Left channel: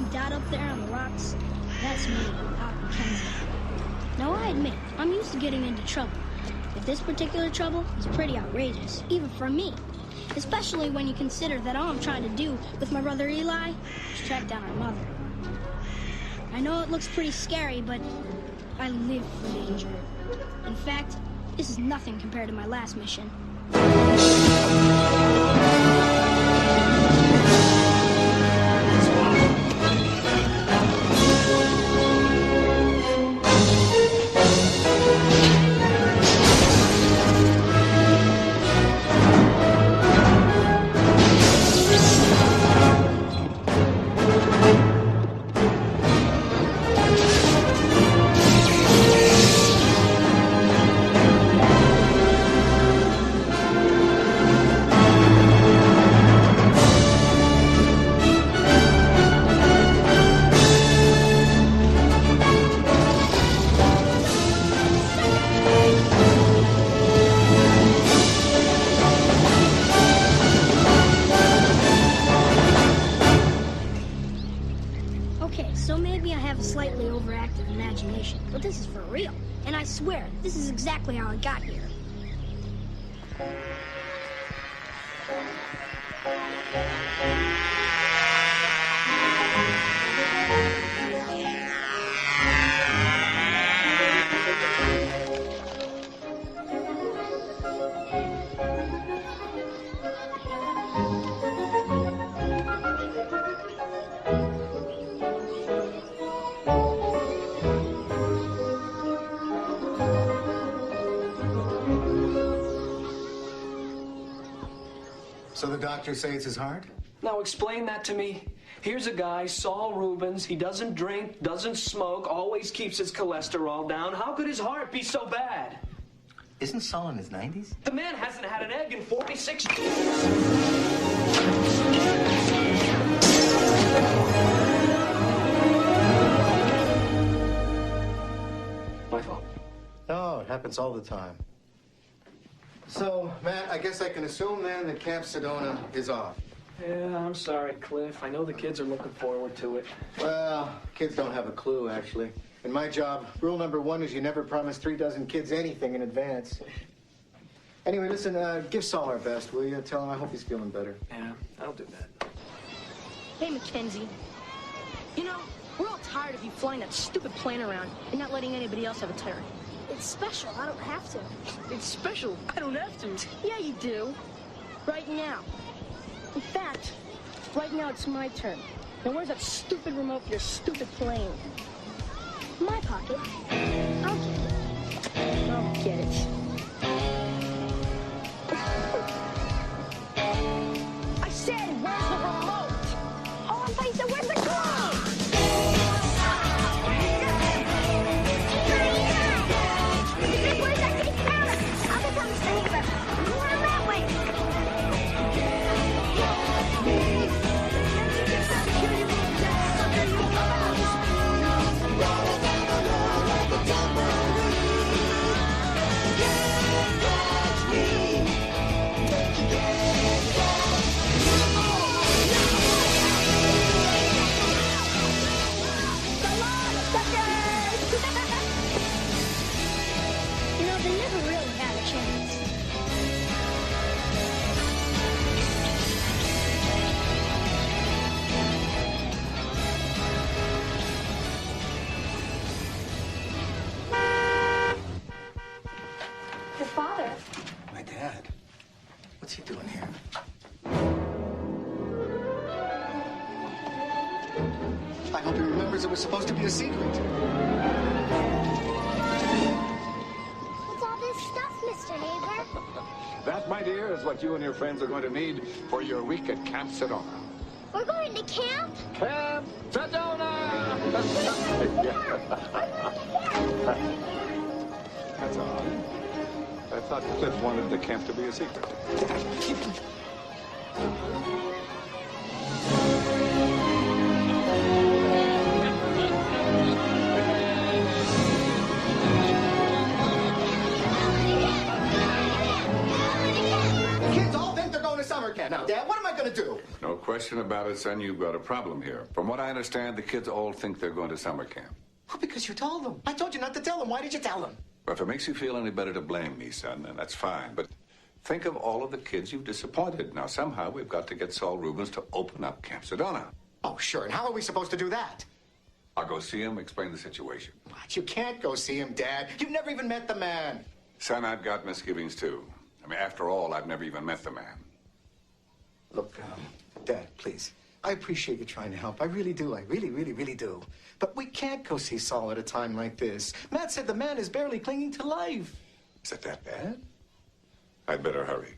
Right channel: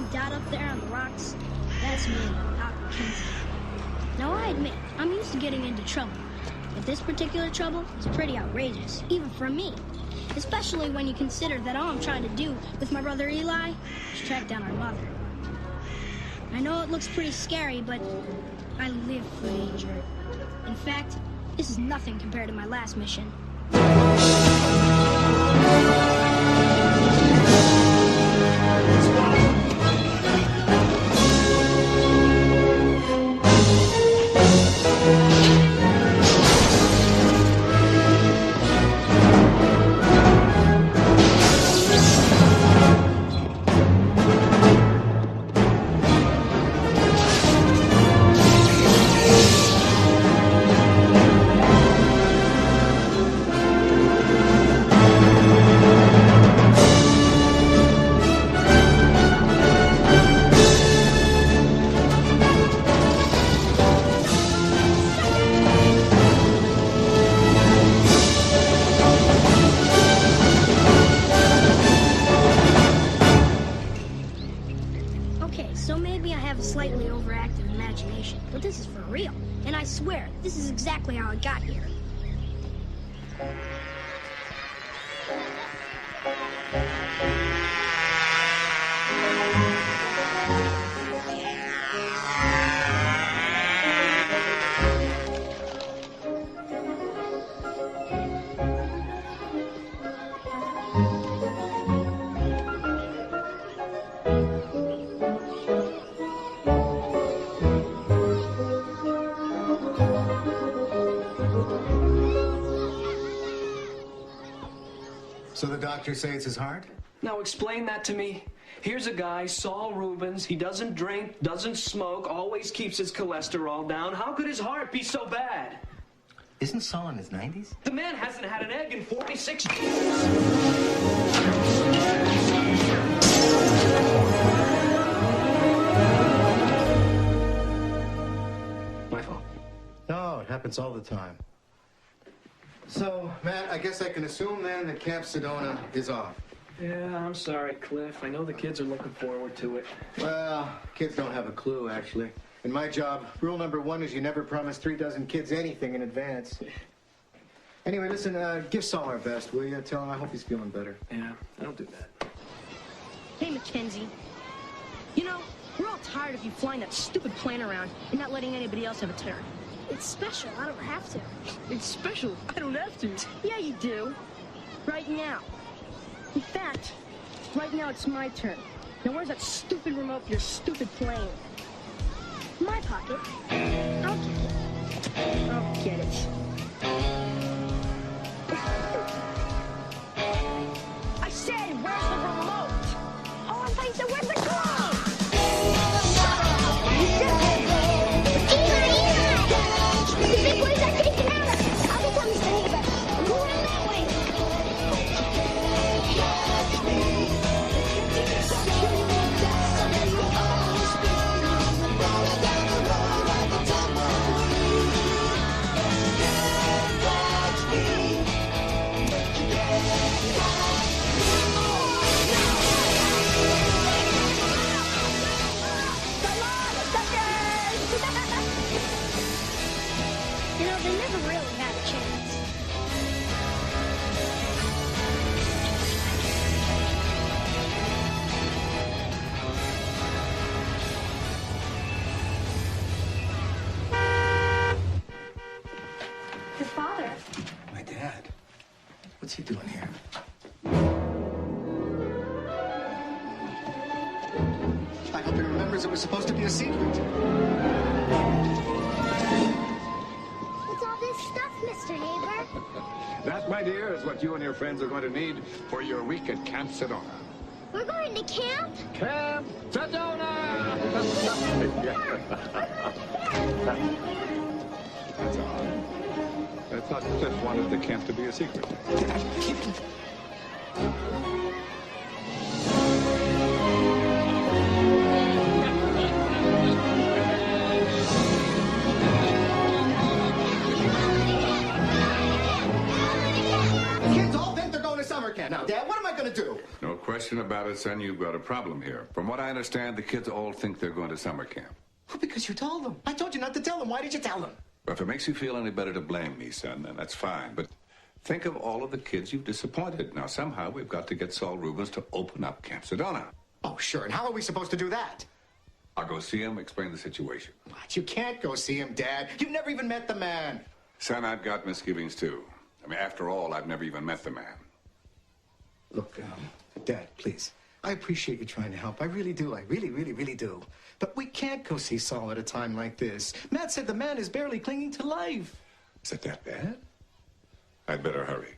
having Dad up there on the rocks? That's me, Doc McKenzie. Now, I admit, I'm used to getting into trouble, but this particular trouble is pretty outrageous, even for me. Especially when you consider that all I'm trying to do with my brother Eli is track down our mother. I know it looks pretty scary, but I live for danger. In fact, this is nothing compared to my last mission. Spread out! So maybe I have a slightly overactive imagination, but this is for real. And I swear, this is exactly how I got here. So the doctors say it's his heart? Now explain that to me. Here's a guy, Saul Rubens. He doesn't drink, doesn't smoke, always keeps his cholesterol down. How could his heart be so bad? Isn't Saul in his 90s? The man hasn't had an egg in 46 years. My fault. No, it happens all the time. So, Matt, I guess I can assume then that Camp Sedona is off. Yeah, I'm sorry, Cliff. I know the kids are looking forward to it. Well, kids don't have a clue, actually. In my job, rule number 1 is you never promise 36 kids anything in advance. Anyway, listen, give Saul our best, will you? Tell him I hope he's feeling better. Yeah, I'll do that. Hey, Mackenzie. You know, we're all tired of you flying that stupid plane around and not letting anybody else have a turn. It's special. I don't have to. It's special. I don't have to. Yeah, you do. Right now. In fact, right now it's my turn. Now, where's that stupid remote for your stupid plane? My pocket. I'll get it. I'll get it. I said, where's the remote? Oh, I thought you said, where's the glove? Where's our safe house? I'll tell Mr. Haber. Go around that way. Can't you get some here, you little dead sucker, you come out. Rolling down the road like a tambourine. Can't catch me, but you can't catch me. Oh, no! So long, suckers! You know, they never really had a chance. Your father. My dad? What's he doing here? I hope he remembers it was supposed to be a secret. What's all this stuff, Mr. Haber? That, my dear, is what you and your friends are going to need for your week at Camp Sedona. We're going to camp? Camp Sedona! That's odd. I thought Cliff wanted the camp to be a secret. The kids all think they're going to summer camp. Now, Dad, what am I going to do? No question about it, son. You've got a problem here. From what I understand, the kids all think they're going to summer camp. Well, because you told them. I told you not to tell them. Why did you tell them? Well, if it makes you feel any better to blame me, son, then that's fine. But think of all of the kids you've disappointed. Now, somehow we've got to get Saul Rubens to open up Camp Sedona. Oh, sure. And how are we supposed to do that? I'll go see him, explain the situation. What? You can't go see him, Dad. You've never even met the man. Son, I've got misgivings, too. I mean, after all, I've never even met the man. Look, Dad, please. I appreciate you trying to help. I really do. I really, really, really do. But we can't go see Saul at a time like this. Matt said the man is barely clinging to life. Is it that bad? I'd better hurry.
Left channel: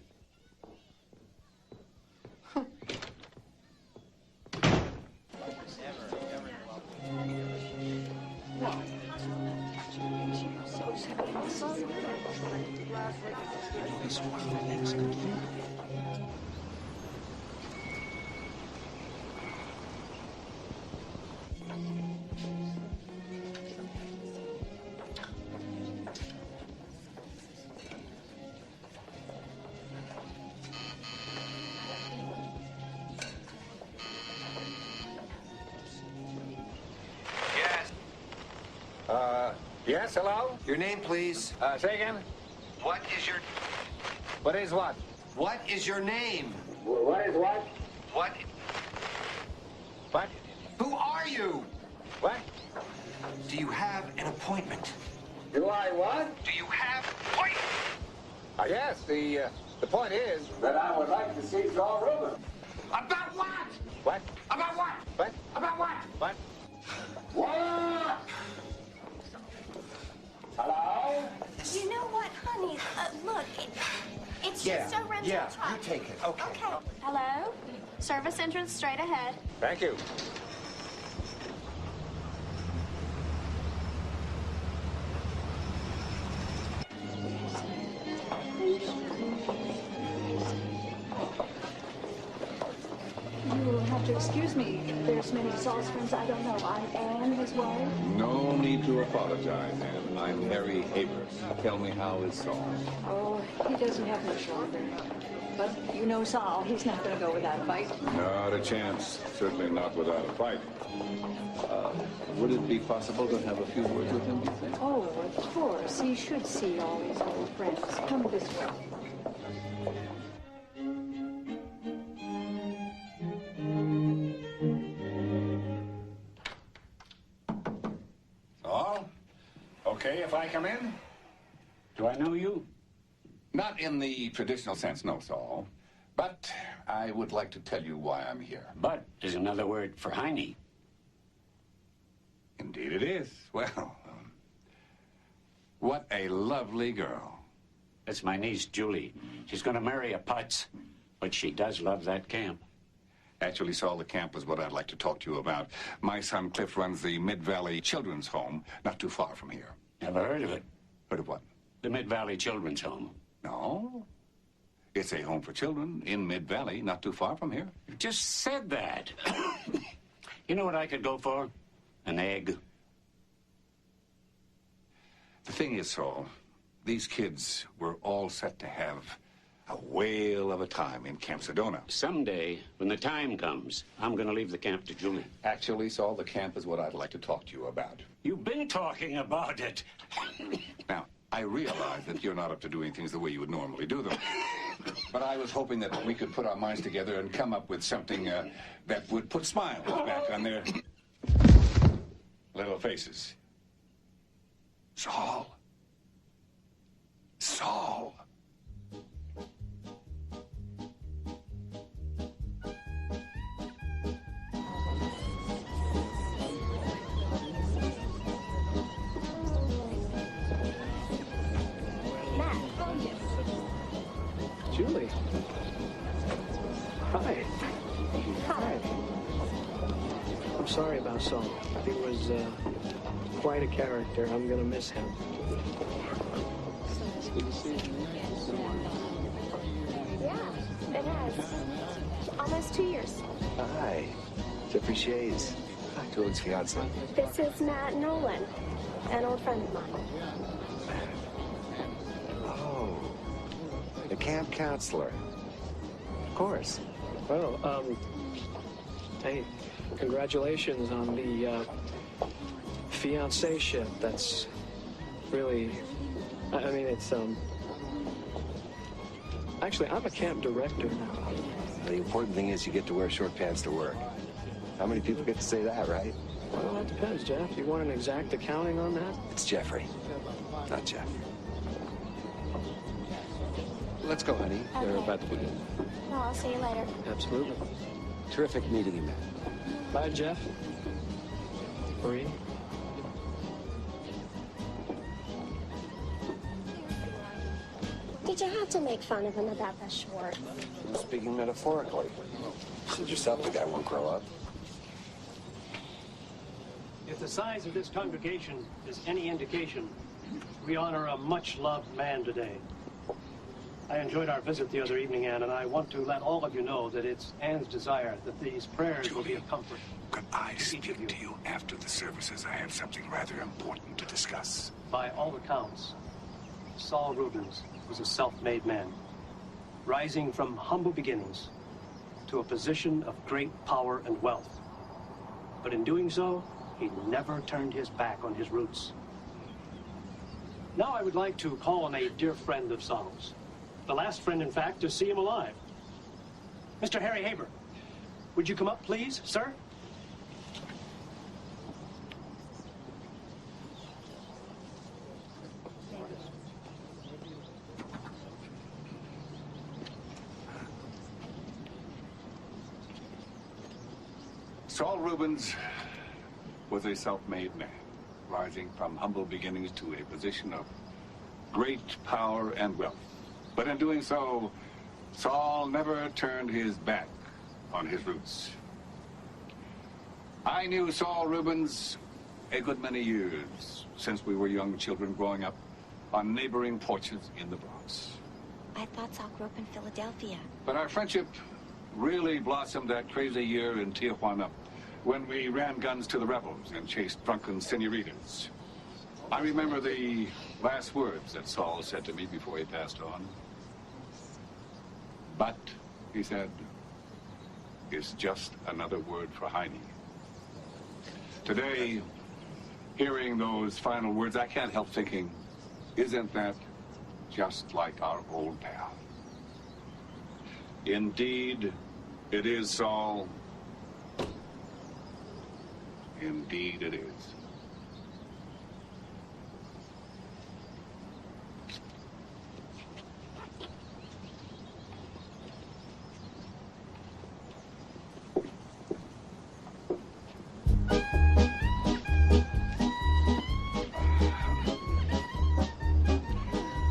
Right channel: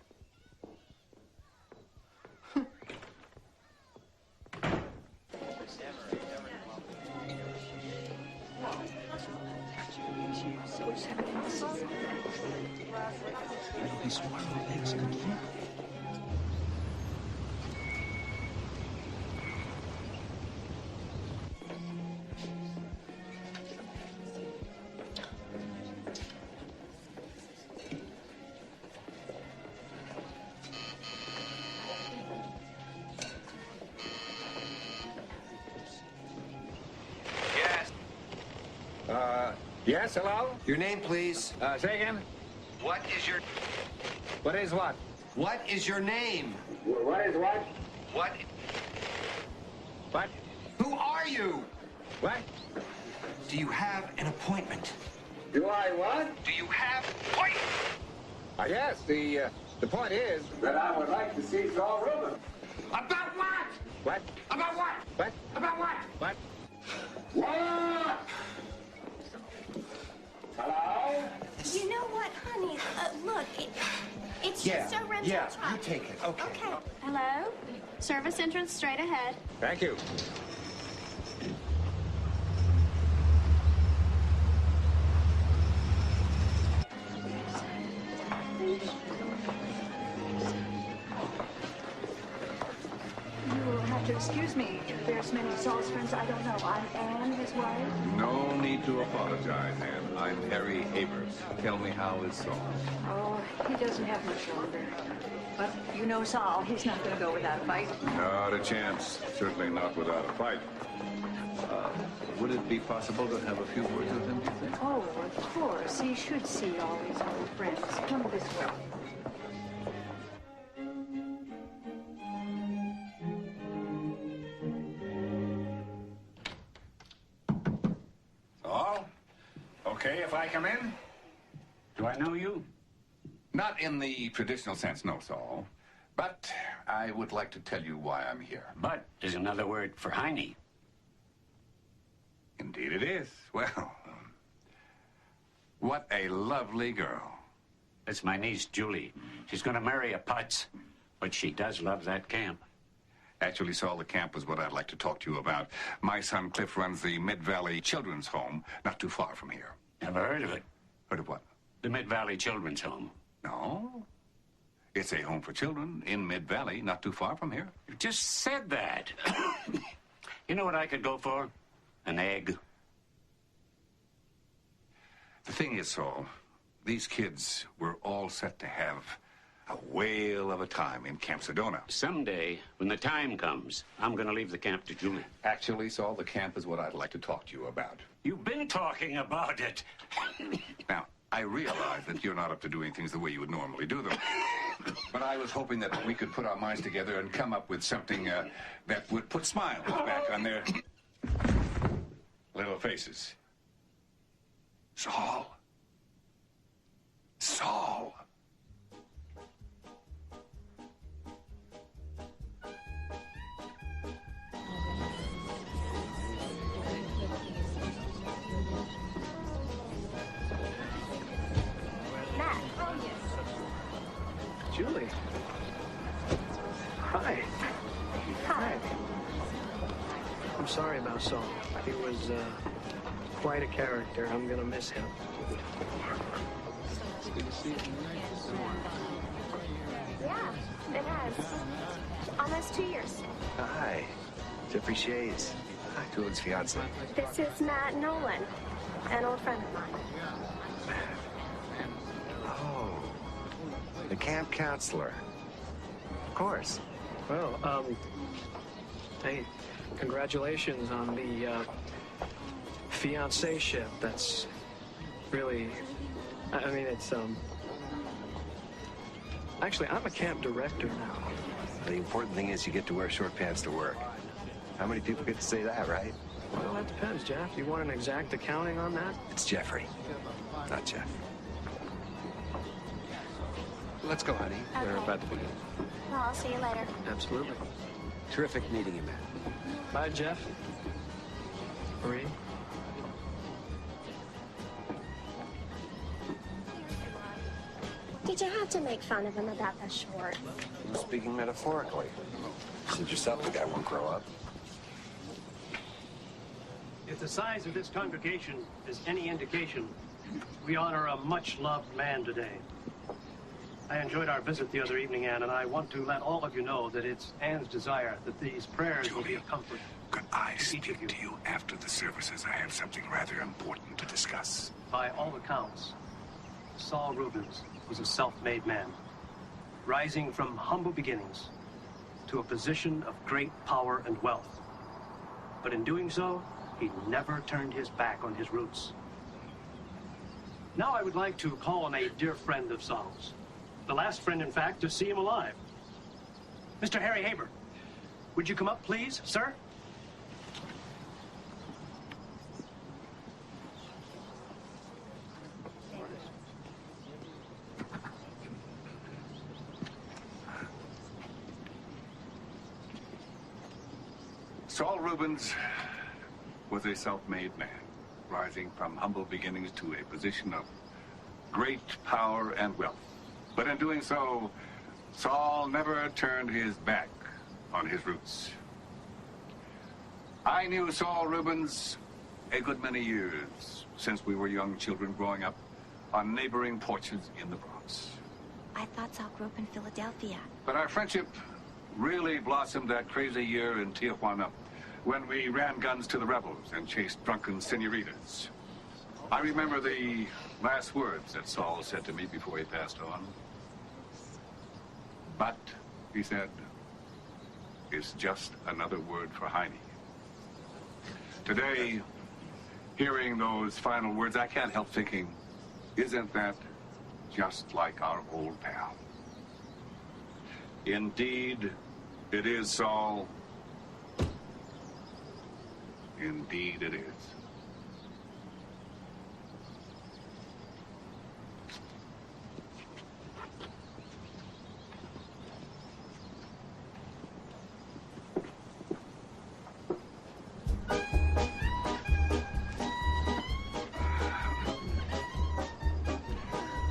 You know, he swore our legs completely. Yes, hello? Your name, please. Say again? What is your... What is what? What is your name? What is what? What? What? Who are you? What? Do you have an appointment? Do I what? Do you have appointment? Yes, the point is that I would like to see Saul Rubens. About what? What? About what? What? About what? What? What? Hello? You know what, honey? Look, it's just a rental truck. you take it. Okay. Okay. Hello? Service entrance straight ahead. Thank you. You'll have to excuse me. There's many Saul's friends I don't know. I'm Anne, his wife. No need to apologize, Anne. I'm Harry Havers. Tell me, how is Saul? Oh, he doesn't have much longer. But you know Saul, he's not going to go without a fight. Not a chance. Certainly not without a fight. Would it be possible to have a few words with him, do you think? Oh, of course. He should see all his old friends. Come this way. Saul? Okay if I come in? Do I know you? Not in the traditional sense, no, Saul. But I would like to tell you why I'm here. But is another word for Heine. Indeed it is. Well, what a lovely girl. It's my niece, Julie. She's going to marry a putz, but she does love that camp. Actually, Saul, the camp was what I'd like to talk to you about. My son Cliff runs the Mid-Valley Children's Home, not too far from here. Never heard of it. Heard of what? The Mid-Valley Children's Home. No. It's a home for children in Mid-Valley, not too far from here. You just said that. You know what I could go for? An egg. The thing is, Saul, these kids were all set to have a whale of a time in Camp Sedona. Someday, when the time comes, I'm going to leave the camp to Julie. Actually, Saul, the camp is what I'd like to talk to you about. You've been talking about it. Now, I realize that you're not up to doing things the way you would normally do them. But I was hoping that we could put our minds together and come up with something that would put smiles back on their little faces. Saul. Saul. Matt. Oh, yes. Julie. Hi. Hi. I'm sorry about Saul. He was quite a character. I'm going to miss him. It's good to see you. Yeah, it has. Almost 2 years. Hi. Jeffrey Shays. Hi, Julie's fiance. This is Matt Nolan, an old friend of mine. Oh. The camp counselor. Of course. Well, hey, congratulations on the fiancé-ship. That's really, I mean, it's, actually, I'm a camp director now. The important thing is you get to wear short pants to work. How many people get to say that, right? Well, that depends, Jeff. You want an exact accounting on that? It's Jeffrey, not Jeff. Let's go, honey. Okay. We're about to begin. Well, I'll see you later. Absolutely. Terrific meeting you, man. Bye, Jeff. Marie. Did you have to make fun of him about that short? I'm speaking metaphorically. You said yourself the guy won't grow up. If the size of this congregation is any indication, we honor a much-loved man today. I enjoyed our visit the other evening, Anne, and I want to let all of you know that it's Anne's desire that these prayers will be a comfort. Could I speak to you after the services? I have something rather important to discuss. By all accounts, Saul Rubens was a self-made man, rising from humble beginnings to a position of great power and wealth. But in doing so, he never turned his back on his roots. Now I would like to call on a dear friend of Saul's. The last friend, in fact, to see him alive. Mr. Harry Haber, would you come up, please, sir? Saul Rubens was a self-made man, rising from humble beginnings to a position of great power and wealth. But in doing so, Saul never turned his back on his roots. I knew Saul Rubens a good many years since we were young children growing up on neighboring porches in the Bronx. I thought Saul grew up in Philadelphia. But our friendship really blossomed that crazy year in Tijuana when we ran guns to the rebels and chased drunken senoritas. I remember the last words that Saul said to me before he passed on. But, he said, is just another word for Heine. Today, hearing those final words, I can't help thinking, isn't that just like our old pal? Indeed, it is, Saul. Indeed, it is.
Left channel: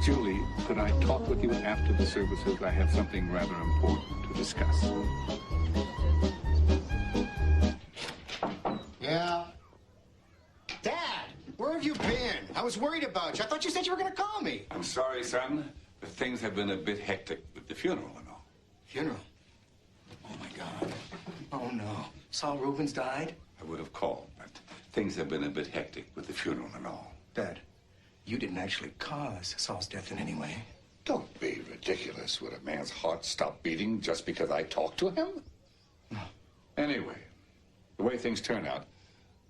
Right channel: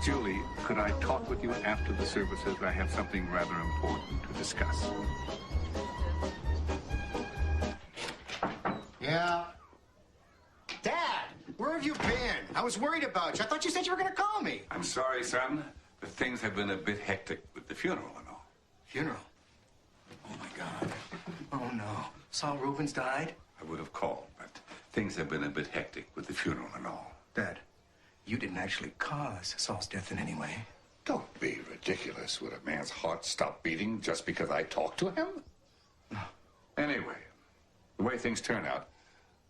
Julie, could I talk with you after the services? I have something rather important to discuss. Yeah? Dad, where have you been? I was worried about you. I thought you said you were going to call me. I'm sorry, son, but things have been a bit hectic with the funeral and all. Funeral? Oh, my God. Oh, no. Saul Rubens died? I would have called, but things have been a bit hectic with the funeral and all. Dad, you didn't actually cause Saul's death in any way. Don't be ridiculous. Would a man's heart stop beating just because I talked to him? No. Anyway, the way things turn out,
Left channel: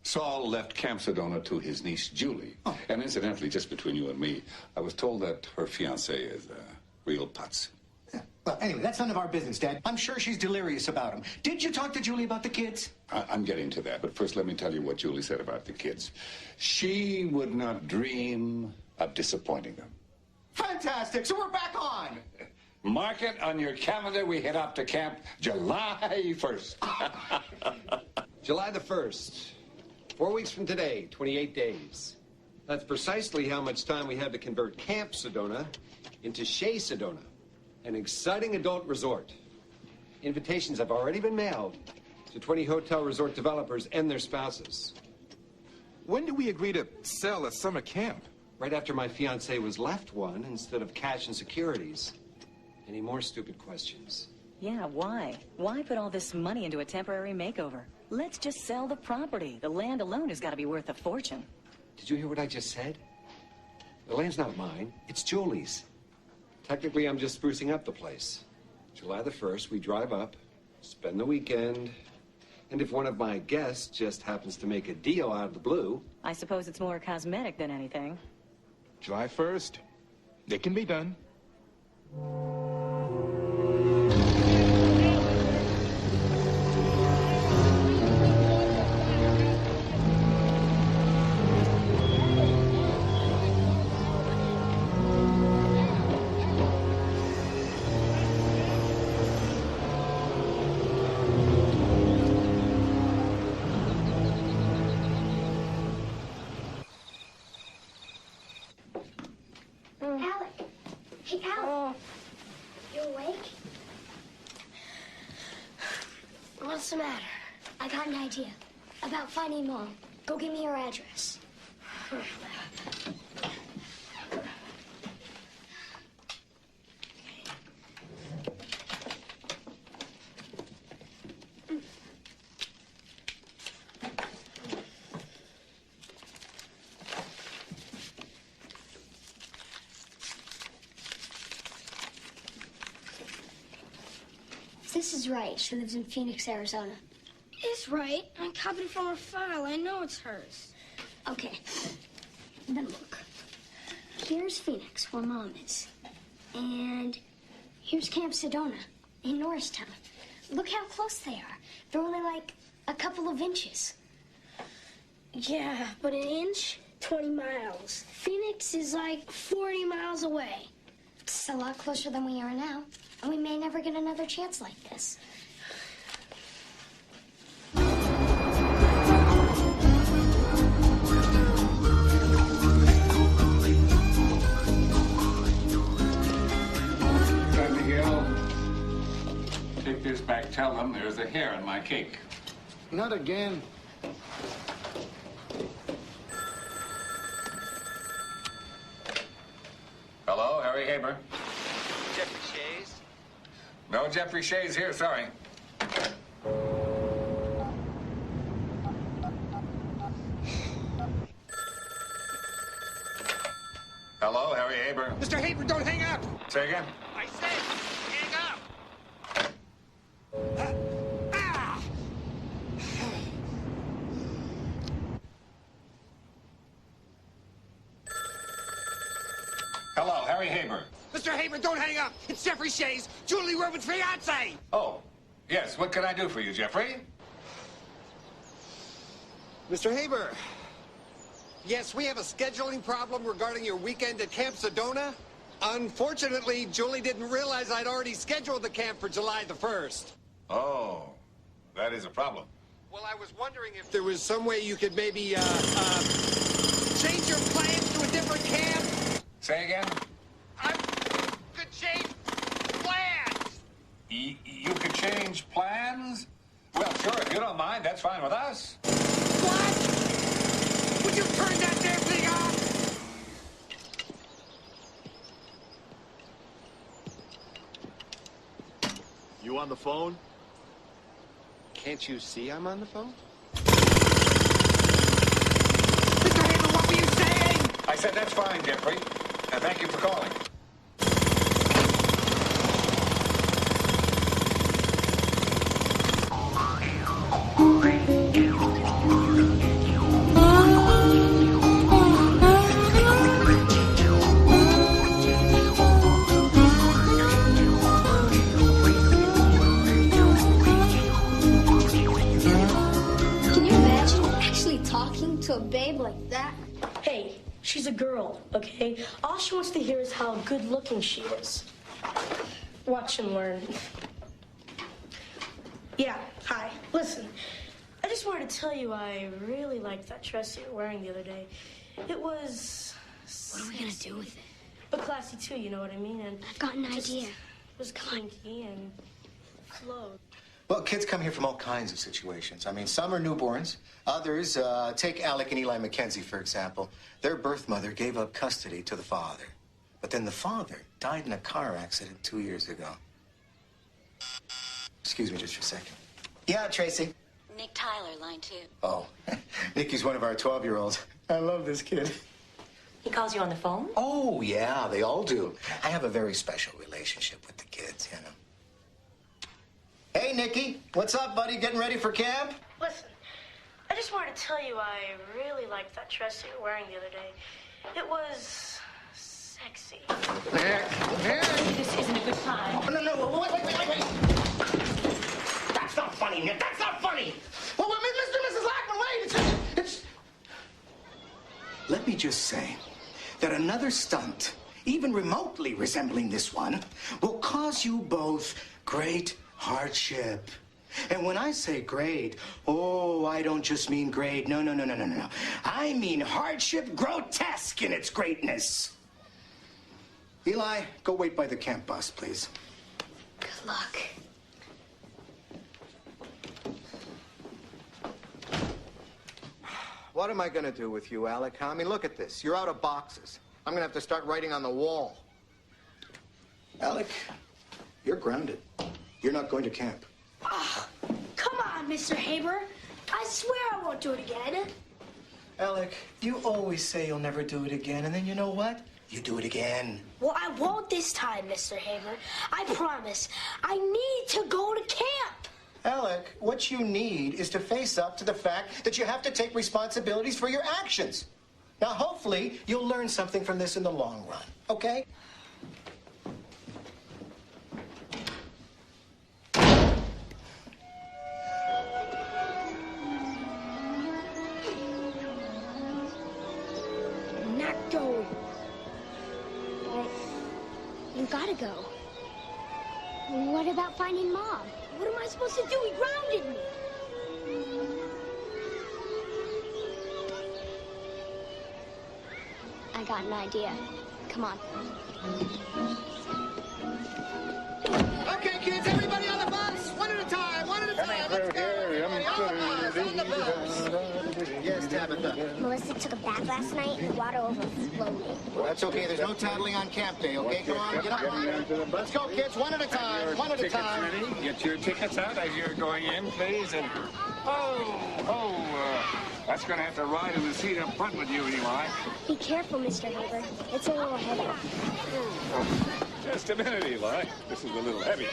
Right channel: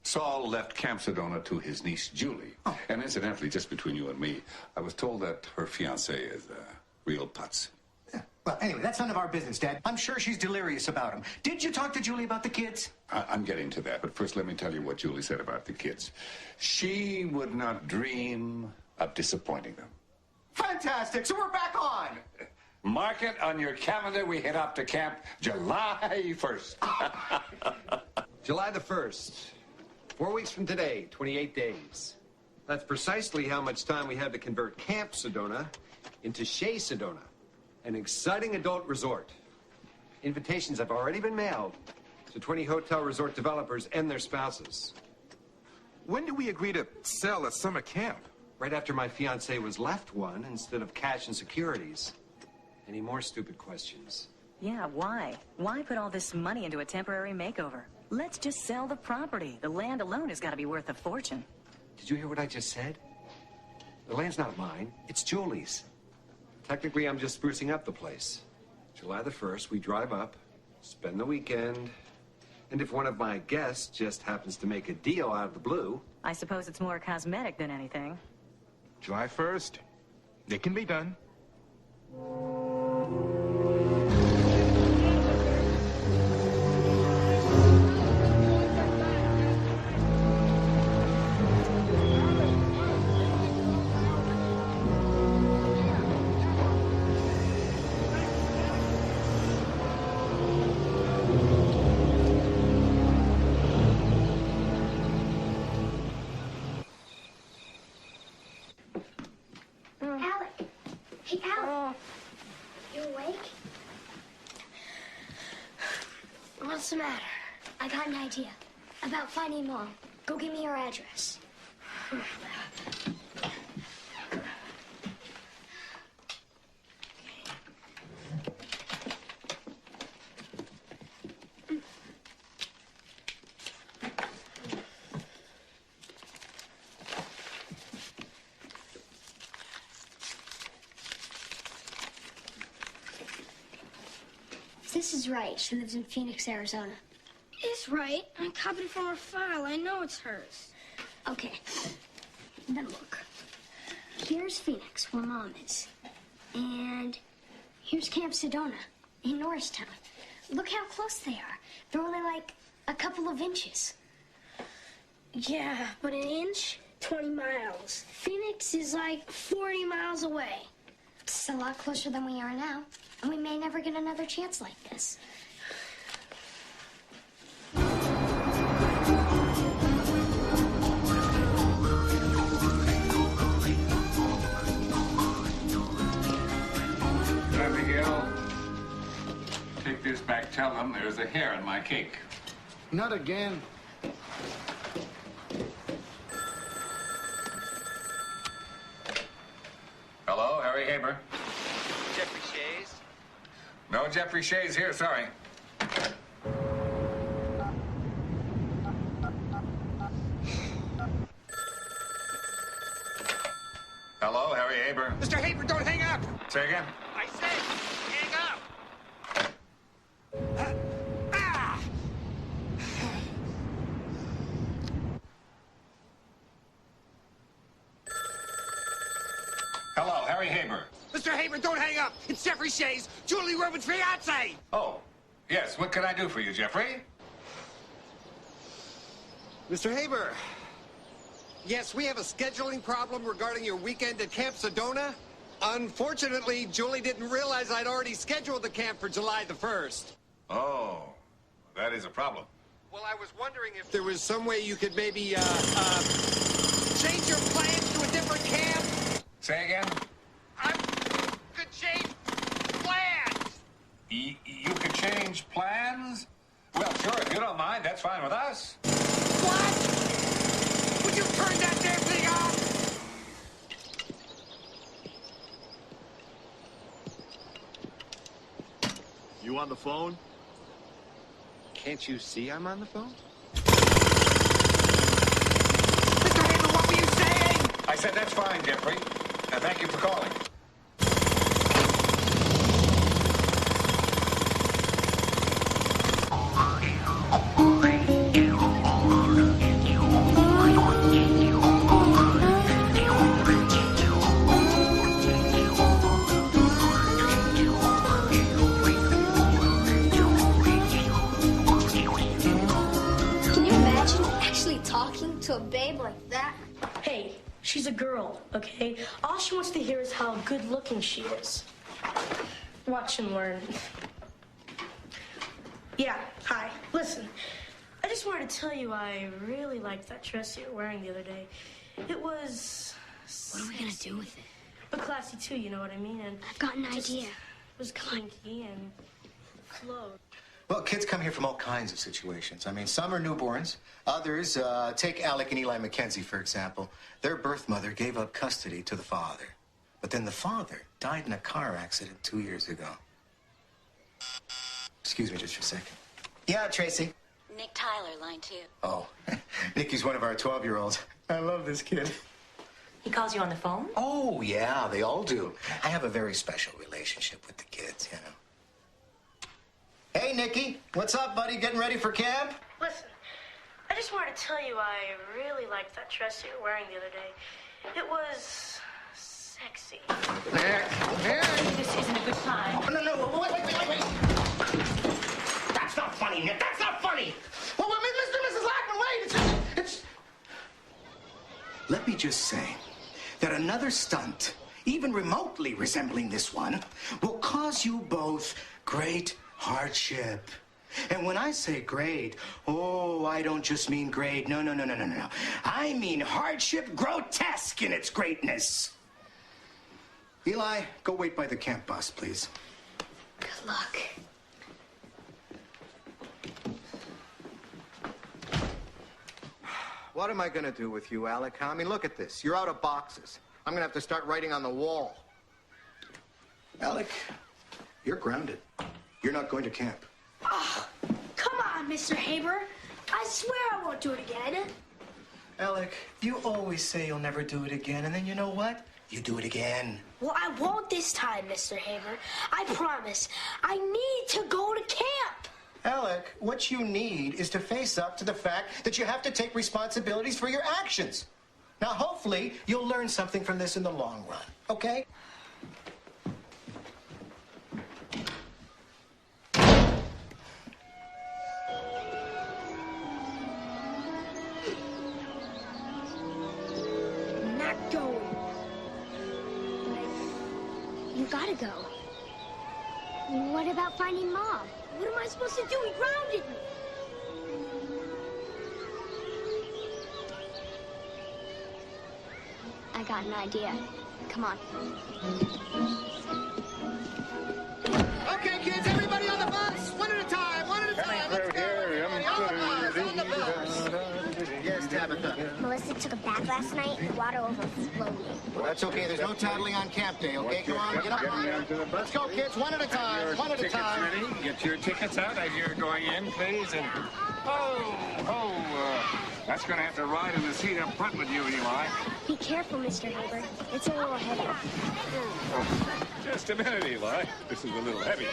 Saul left Camp Sedona to his niece, Julie. Oh. And incidentally, just between you and me, I was told that her fiancé is real putz. Yeah. Well, anyway, that's none of our business, Dad. I'm sure she's delirious about him. Did you talk to Julie about the kids? I'm getting to that, but first let me tell you what Julie said about the kids. She would not dream of disappointing them. Fantastic! So we're back on! Mark it on your calendar. We head off to camp July 1st. July the 1st. 4 weeks from today, 28 days. That's precisely how much time we have to convert Camp Sedona into Shea Sedona, an exciting adult resort. Invitations have already been mailed to 20 hotel resort developers and their spouses. When did we agree to sell a summer camp? Right after my fiancée was left one instead of cash and securities. Any more stupid questions? Yeah, why? Why put all this money into a temporary makeover? Let's just sell the property. The land alone has got to be worth a fortune. Did you hear what I just said? The land's not mine. It's Julie's. Technically, I'm just sprucing up the place. July the 1st, we drive up, spend the weekend, and if one of my guests just happens to make a deal out of the blue... I suppose it's more cosmetic than anything. July 1st. It can be done. What's the matter? I got an idea about finding Mom. Go give me her address. This is right. She lives in Phoenix, Arizona. It's right. I copied it from her file. I know it's hers. Okay. Then look. Here's Phoenix, where Mom is. And here's Camp Sedona in Norristown. Look how close they are. They're only like a couple of inches. Yeah, but an inch, 20 miles. Phoenix is like 40 miles away. It's a lot closer than we are now. And we may never get another chance like this. Miguel, take this back. Tell them there's a hair in my cake. Not again. Hello, Harry Haber. Jeffrey Shays? No Jeffrey Shays here, sorry. Hello, Harry Haber. Mr. Haber, don't hang up! Say again? I said, hang up! Hello, Harry Haber. Mr. Haber, don't hang up! It's Jeffrey Shays, Julie Rubin's fiancé! Oh, yes. What can I do for you, Jeffrey? Mr. Haber, yes, we have a scheduling problem regarding your weekend at Camp Sedona. Unfortunately, Julie didn't realize I'd already scheduled the camp for July the 1st. Oh, that is a problem. Well, I was wondering if there was some way you could maybe, change your plans to a different camp. Say again? Could change plans. You could change plans? Well, sure, if you don't mind, that's fine with us. What? Would you turn that damn thing off? You on the phone? Can't you see I'm on the phone? Mr. Haber, what were you saying? I said that's fine, Jeffrey. Thank you for calling. Can you imagine actually talking to a babe like that? Hey, she's a girl, okay? All she wants to hear is how good-looking she is. Watch and learn. Yeah, hi. Listen, I just wanted to tell you I really liked that dress you were wearing the other day. It was... What are we gonna do with it? But classy, too, you know what I mean? And I've got an idea. It was kinky and flowed. Well, kids come here from all kinds of situations. I mean, some are newborns. Others, take Alec and Eli McKenzie, for example. Their birth mother gave up custody to the father. But then the father died in a car accident 2 years ago. Excuse me just for a second. Yeah, Tracy. Nick Tyler, line 2. Oh, Nikki's one of our 12-year-olds. I love this kid. He calls you on the phone? Oh, yeah, they all do. I have a very special relationship with the kids, you know. Hey, Nikki. What's up, buddy? Getting ready for camp? Listen, I just wanted to tell you I really liked that dress you were wearing the other day. It was sexy. This isn't a good time. No, wait. That's not funny, Nick. That's not funny. Well, Mr. and Mrs. Lackman, wait. It's... Let me just say that another stunt, even remotely resembling this one, will cause you both great hardship. And when I say great, oh, I don't just mean great. No. I mean hardship grotesque in its greatness. Eli, go wait by the camp bus, please. Good luck. What am I going to do with you, Alec? I mean, look at this. You're out of boxes. I'm going to have to start writing on the wall. Alec, you're grounded. You're not going to camp. Oh, come on, Mr. Haber. I swear I won't do it again. Alec, you always say you'll never do it again, and then you know what? You do it again. Well, I won't this time, Mr. Haber. I promise. I need to go to camp. Alec, what you need is to face up to the fact that you have to take responsibilities for your actions. Now, hopefully, you'll learn something from this in the long run, okay? I'm not going. But you gotta go. What about finding Mom? What am I supposed to do? He grounded me. I got an idea. Come on. Okay, kids, everybody on the bus. One at a time. Let's go. Everybody on the bus. Yes, Tabitha. Melissa took a bath last night. The water overflowed. Well, that's okay. There's no tattling on camp day, okay? Come on, get up. Let's go, kids. One at a time. One at a time. Ready? Get your tickets out as you're going in, please. And that's going to have to ride in the seat up front with you, Eli. Be careful, Mr. Haber. It's a little heavy. Just a minute, Eli. This is a little heavy.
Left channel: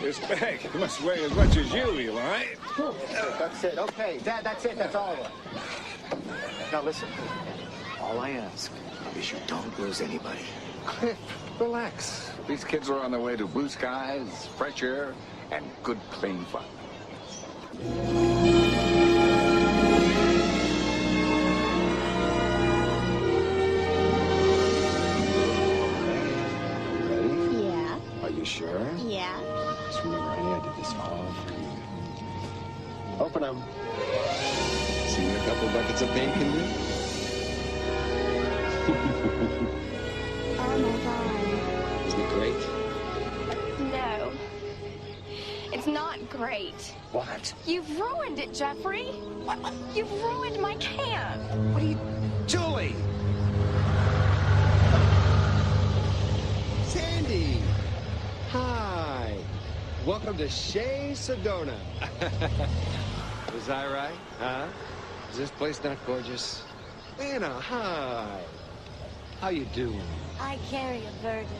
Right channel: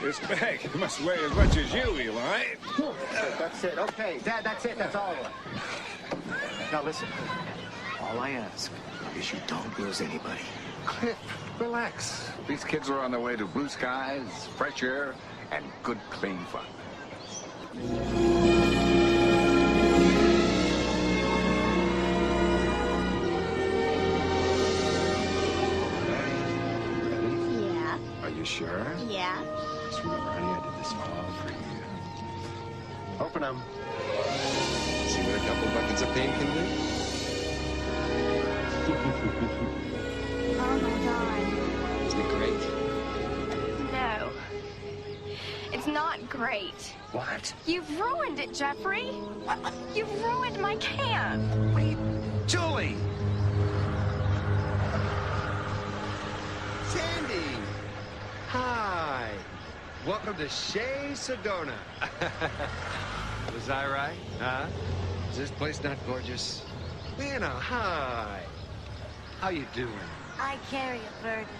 This bag must weigh as much as you, Eli. That's it. Okay, Dad, that's it. That's all of it. Now, listen. All I ask is you don't lose anybody. Cliff, relax. These kids are on their way to blue skies, fresh air, and good, clean fun. Hey, are you ready? Yeah. Are you sure? Yeah. Just remember, honey, I did this all for you. Open them. See what a couple buckets of paint can do? Oh, my God. Isn't it great? No. It's not great. What? You've ruined it, Jeffrey. You've ruined my camp. What are you... Julie! Sandy! Hi! Welcome to Shea Sedona. Was I right? Huh? Is this place not gorgeous? Anna, hi! How you doing? I carry a burden.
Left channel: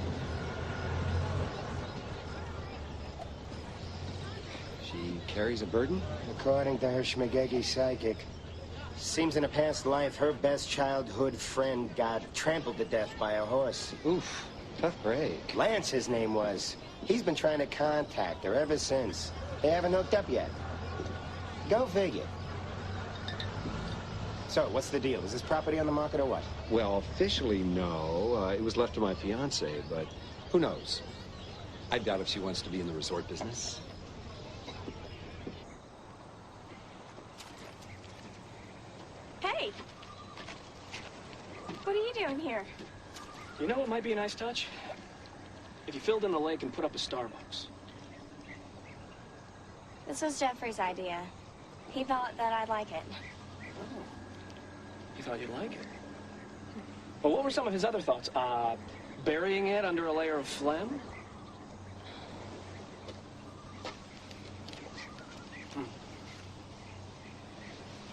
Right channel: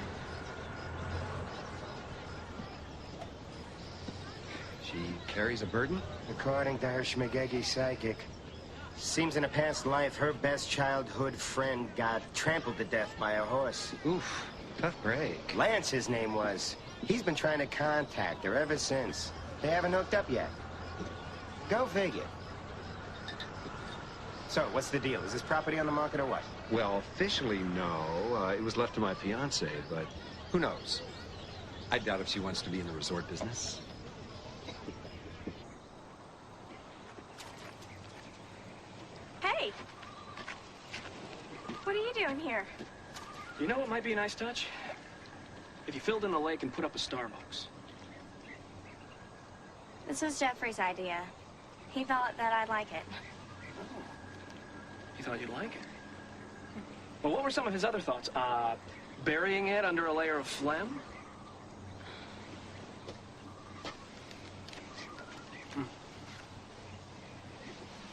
She carries a burden? According to her schmagegi psychic, seems in a past life her best childhood friend got trampled to death by a horse. Oof, tough break. Lance, his name was. He's been trying to contact her ever since. They haven't hooked up yet. Go figure. So, what's the deal? Is this property on the market or what? Well, officially, no. It was left to my fiance, but who knows? I doubt if she wants to be in the resort business. Hey. What are you doing here? You know what might be a nice touch? If you filled in the lake and put up a Starbucks. This was Jeffrey's idea. He thought that I'd like it. Oh. He thought you'd like it. Well, what were some of his other thoughts? Burying it under a layer of phlegm?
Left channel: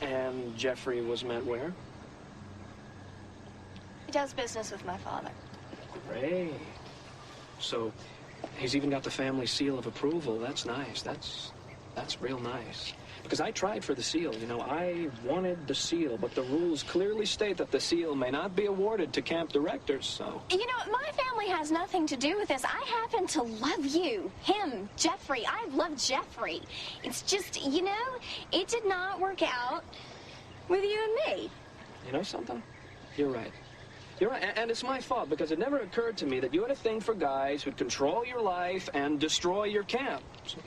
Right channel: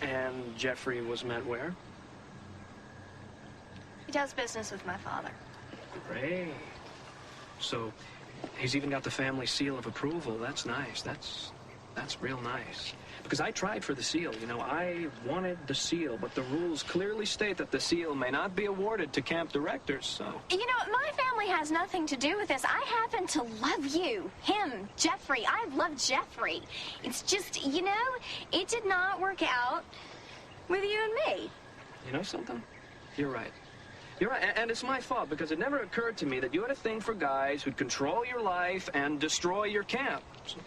And Jeffrey was met where? He does business with my father. Great. So, He's even got the family seal of approval. That's nice. That's real nice. Because I tried for the seal, you know. I wanted the seal, but the rules clearly state that the seal may not be awarded to camp directors, so... You know, my family has nothing to do with this. I happen to love you, him, Jeffrey. I love Jeffrey. It's just, you know, it did not work out with you and me. You know something? You're right. You're right, and it's my fault, because it never occurred to me that you had a thing for guys who'd control your life and destroy your camp. So...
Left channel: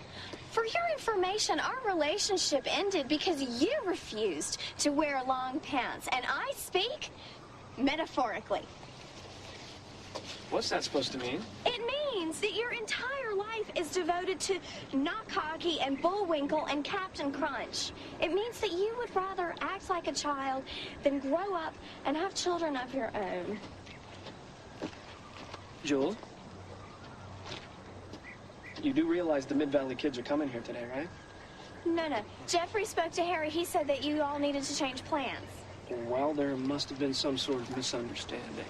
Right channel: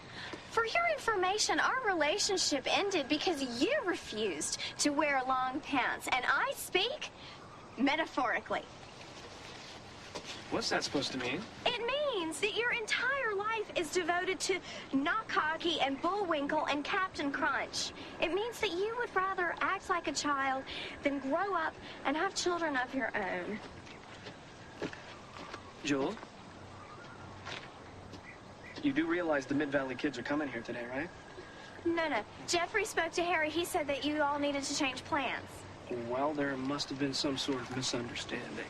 For your information, our relationship ended because you refused to wear long pants, and I speak metaphorically. What's that supposed to mean? It means that your entire life is devoted to Not Cocky and Bullwinkle and Captain Crunch. It means that you would rather act like a child than grow up and have children of your own. Jewel? You do realize the Mid-Valley kids are coming here today, right? No. Jeffrey spoke to Harry. He said that you all needed to change plans. Well, there must have been some sort of misunderstanding.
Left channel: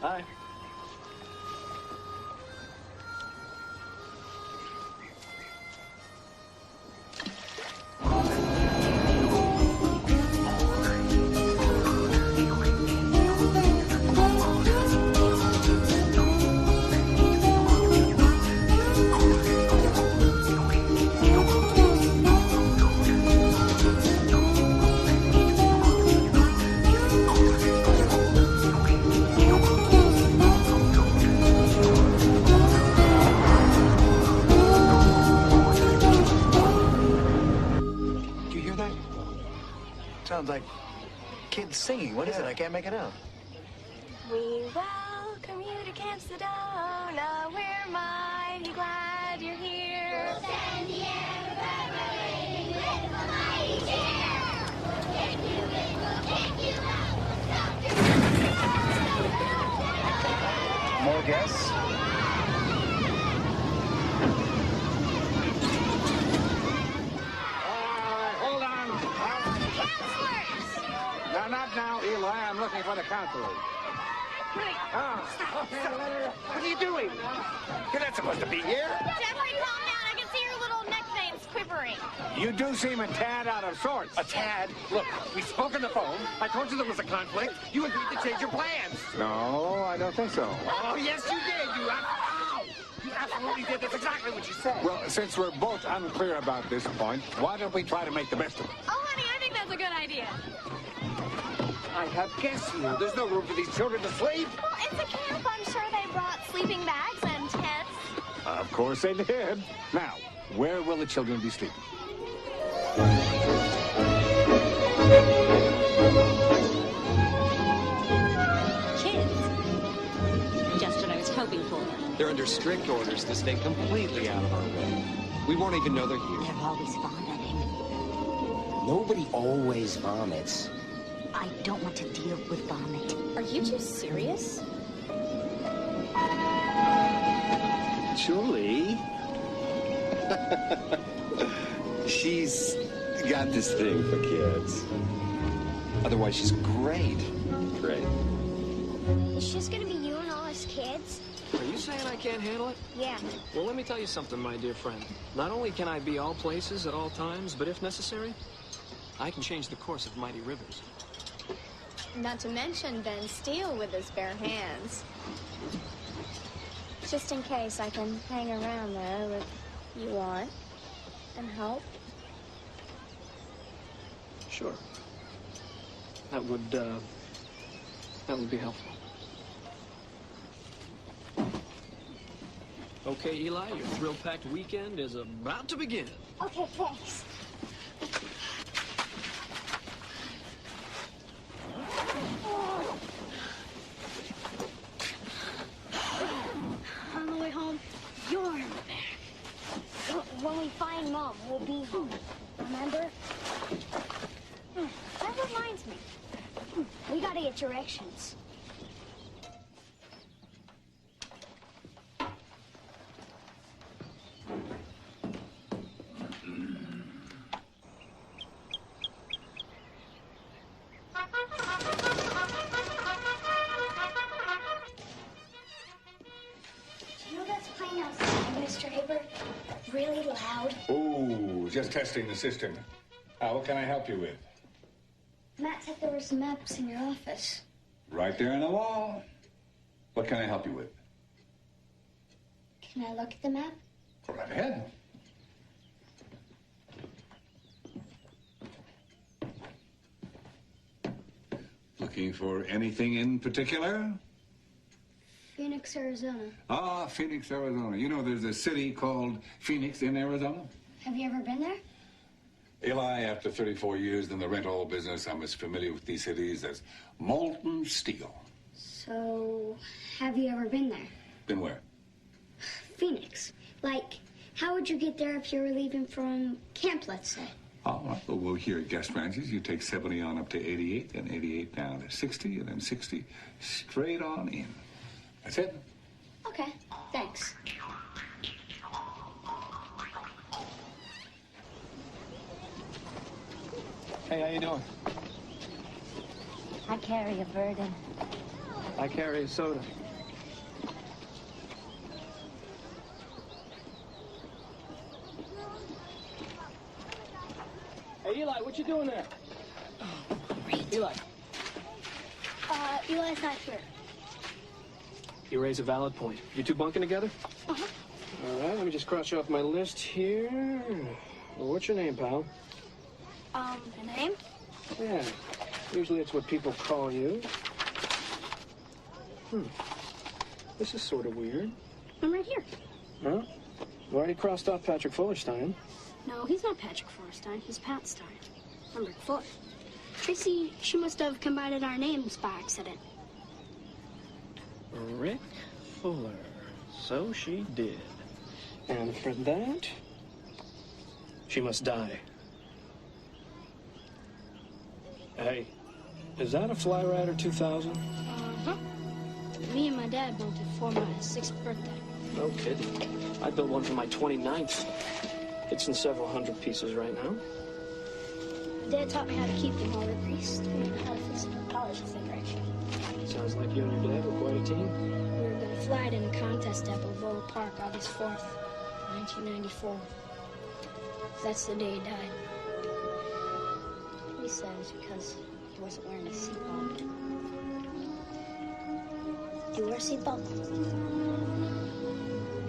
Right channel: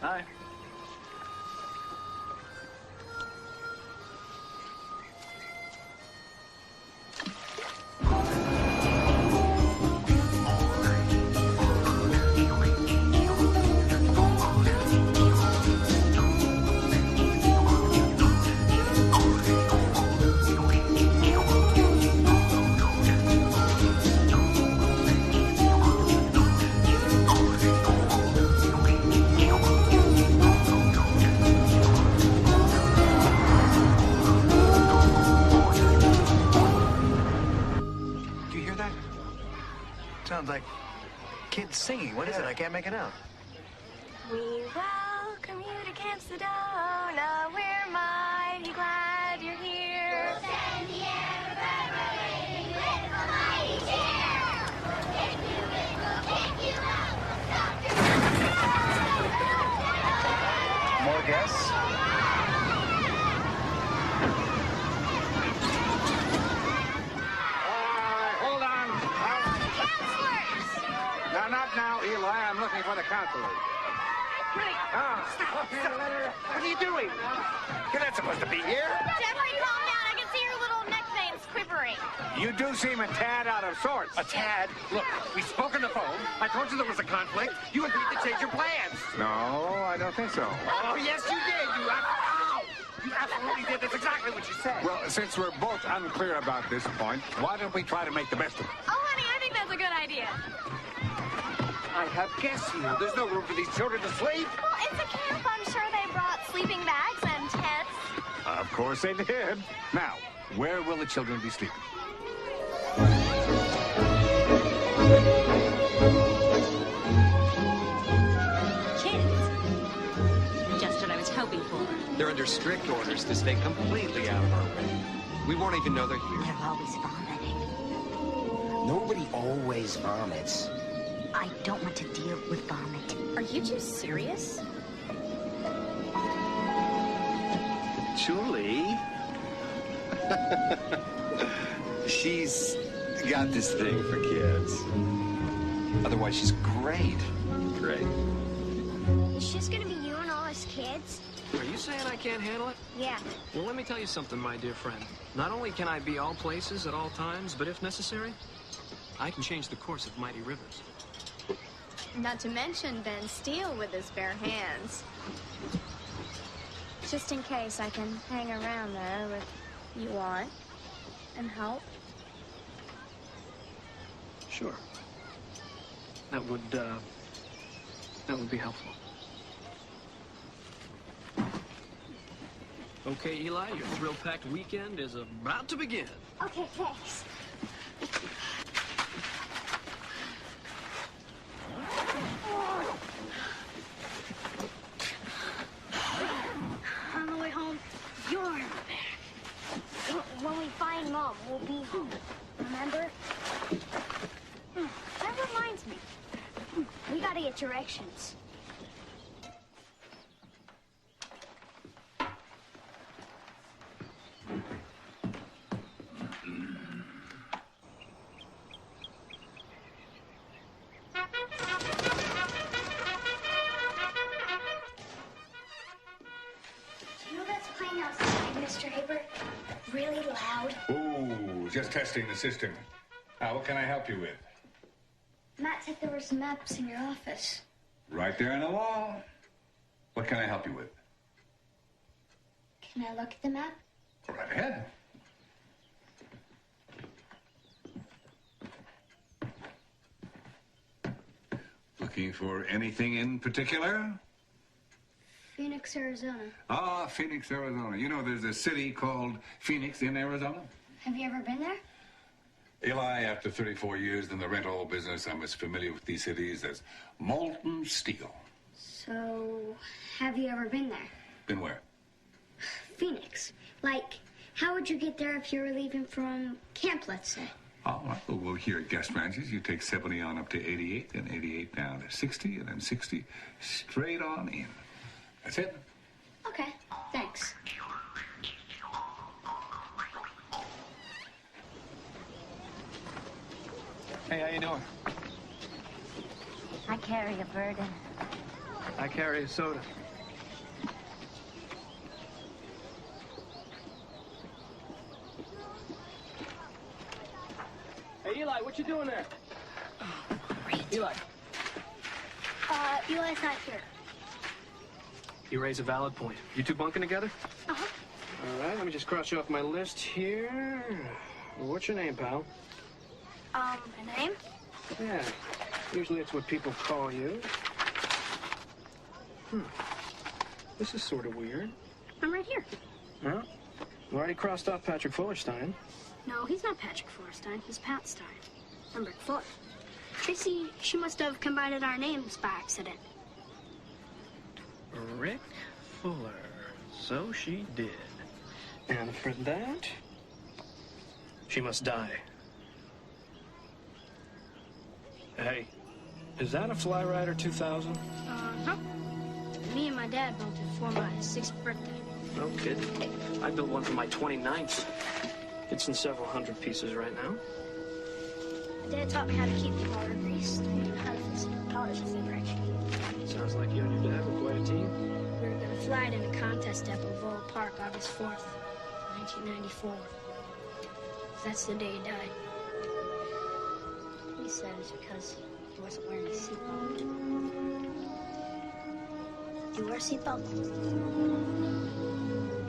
Hi. Sounds like kids singing. What is it? I can't make it out. We welcome you to Camp Sedona. We're mighty glad you're here. We'll send the air reverberating with a mighty cheer. We'll kick you in, we'll kick you out. More guests? Not now, Eli. I'm looking for the counselors. What are you doing? You're not supposed to be here. Jeffrey, calm down. I can see your little neck veins quivering. You do seem a tad out of sorts. A tad? Look, we spoke on the phone. I told you there was a conflict. You agreed to change your plans. No, I don't think so. Oh, yes, you did. You absolutely did. That's exactly what you said. Well, since we're both unclear about this point, why don't we try to make the best of it? Oh, honey, I think that's a good idea. I have guests here. There's no room for these children to sleep. Well, it's a camp. I'm sure they brought sleeping bags and tents. Of course they did. Now, where will the children be sleeping? Kids. Just what I was hoping for. They're under strict orders to stay completely out of our way. We won't even know they're here. They're always vomiting. Nobody always vomits. I don't want to deal with vomit. Are you two serious? Julie. She's got this thing for kids. Otherwise, she's great. Great. It's just gonna be you and all us kids? Are you saying I can't handle it? Yeah. Well, let me tell you something, my dear friend. Not only can I be all places at all times, but if necessary, I can change the course of mighty rivers. Not to mention bend steel with his bare hands. Just in case, I can hang around, though, if you want, and help. Sure. That would be helpful. Okay, Eli, your thrill-packed weekend is about to begin. Okay, thanks. On the way home, you're in the back. When we find Mom, we'll be home. Remember? That reminds me. We gotta get directions. just testing the system. What can I help you with? Matt said there were some maps in your office. Right there on the wall. What can I help you with? Can I look at the map? Go right ahead. Looking for anything in particular? Phoenix, Arizona. Ah, Phoenix, Arizona. You know, there's a city called Phoenix in Arizona? Have you ever been there? Eli, after 34 years in the rental business, I'm as familiar with these cities as molten steel. So, have you ever been there? Been where? Phoenix. Like, how would you get there if you were leaving from camp, let's say? All right, well, here at guest ranches, you take 70 on up to 88, then 88 down to 60, and then 60 straight on in. That's it. Okay, thanks. Hey, how you doing? I carry a burden. I carry a soda. Hey, Eli, what you doing there? Oh, great. Eli. Eli's not here. You raise a valid point. You two bunking together? Uh-huh. All right, let me just cross you off my list here. What's your name, pal? My name? Yeah, usually it's what people call you. This is sort of weird. I'm right here. Huh? You already crossed off Patrick Fullerstein. No, he's not Patrick Fullerstein. He's Pat Stein. I'm Rick Fuller. Tracy, she must have combined our names by accident. Rick Fuller. So she did. And for that, she must die. Hey, is that a Fly Rider 2000? Uh-huh. Me and my dad built it for my 6th birthday. No kidding. I built one for my 29th. It's in several hundred pieces right now. My dad taught me how to keep the motor greased and how to fix the propellers if they break. Sounds like you and your dad were quite a team. We were going to fly it in a contest at Balboa Park August 4th, 1994. That's the day he died. He said it's because he wasn't wearing a seatbelt. Do you wear a seatbelt?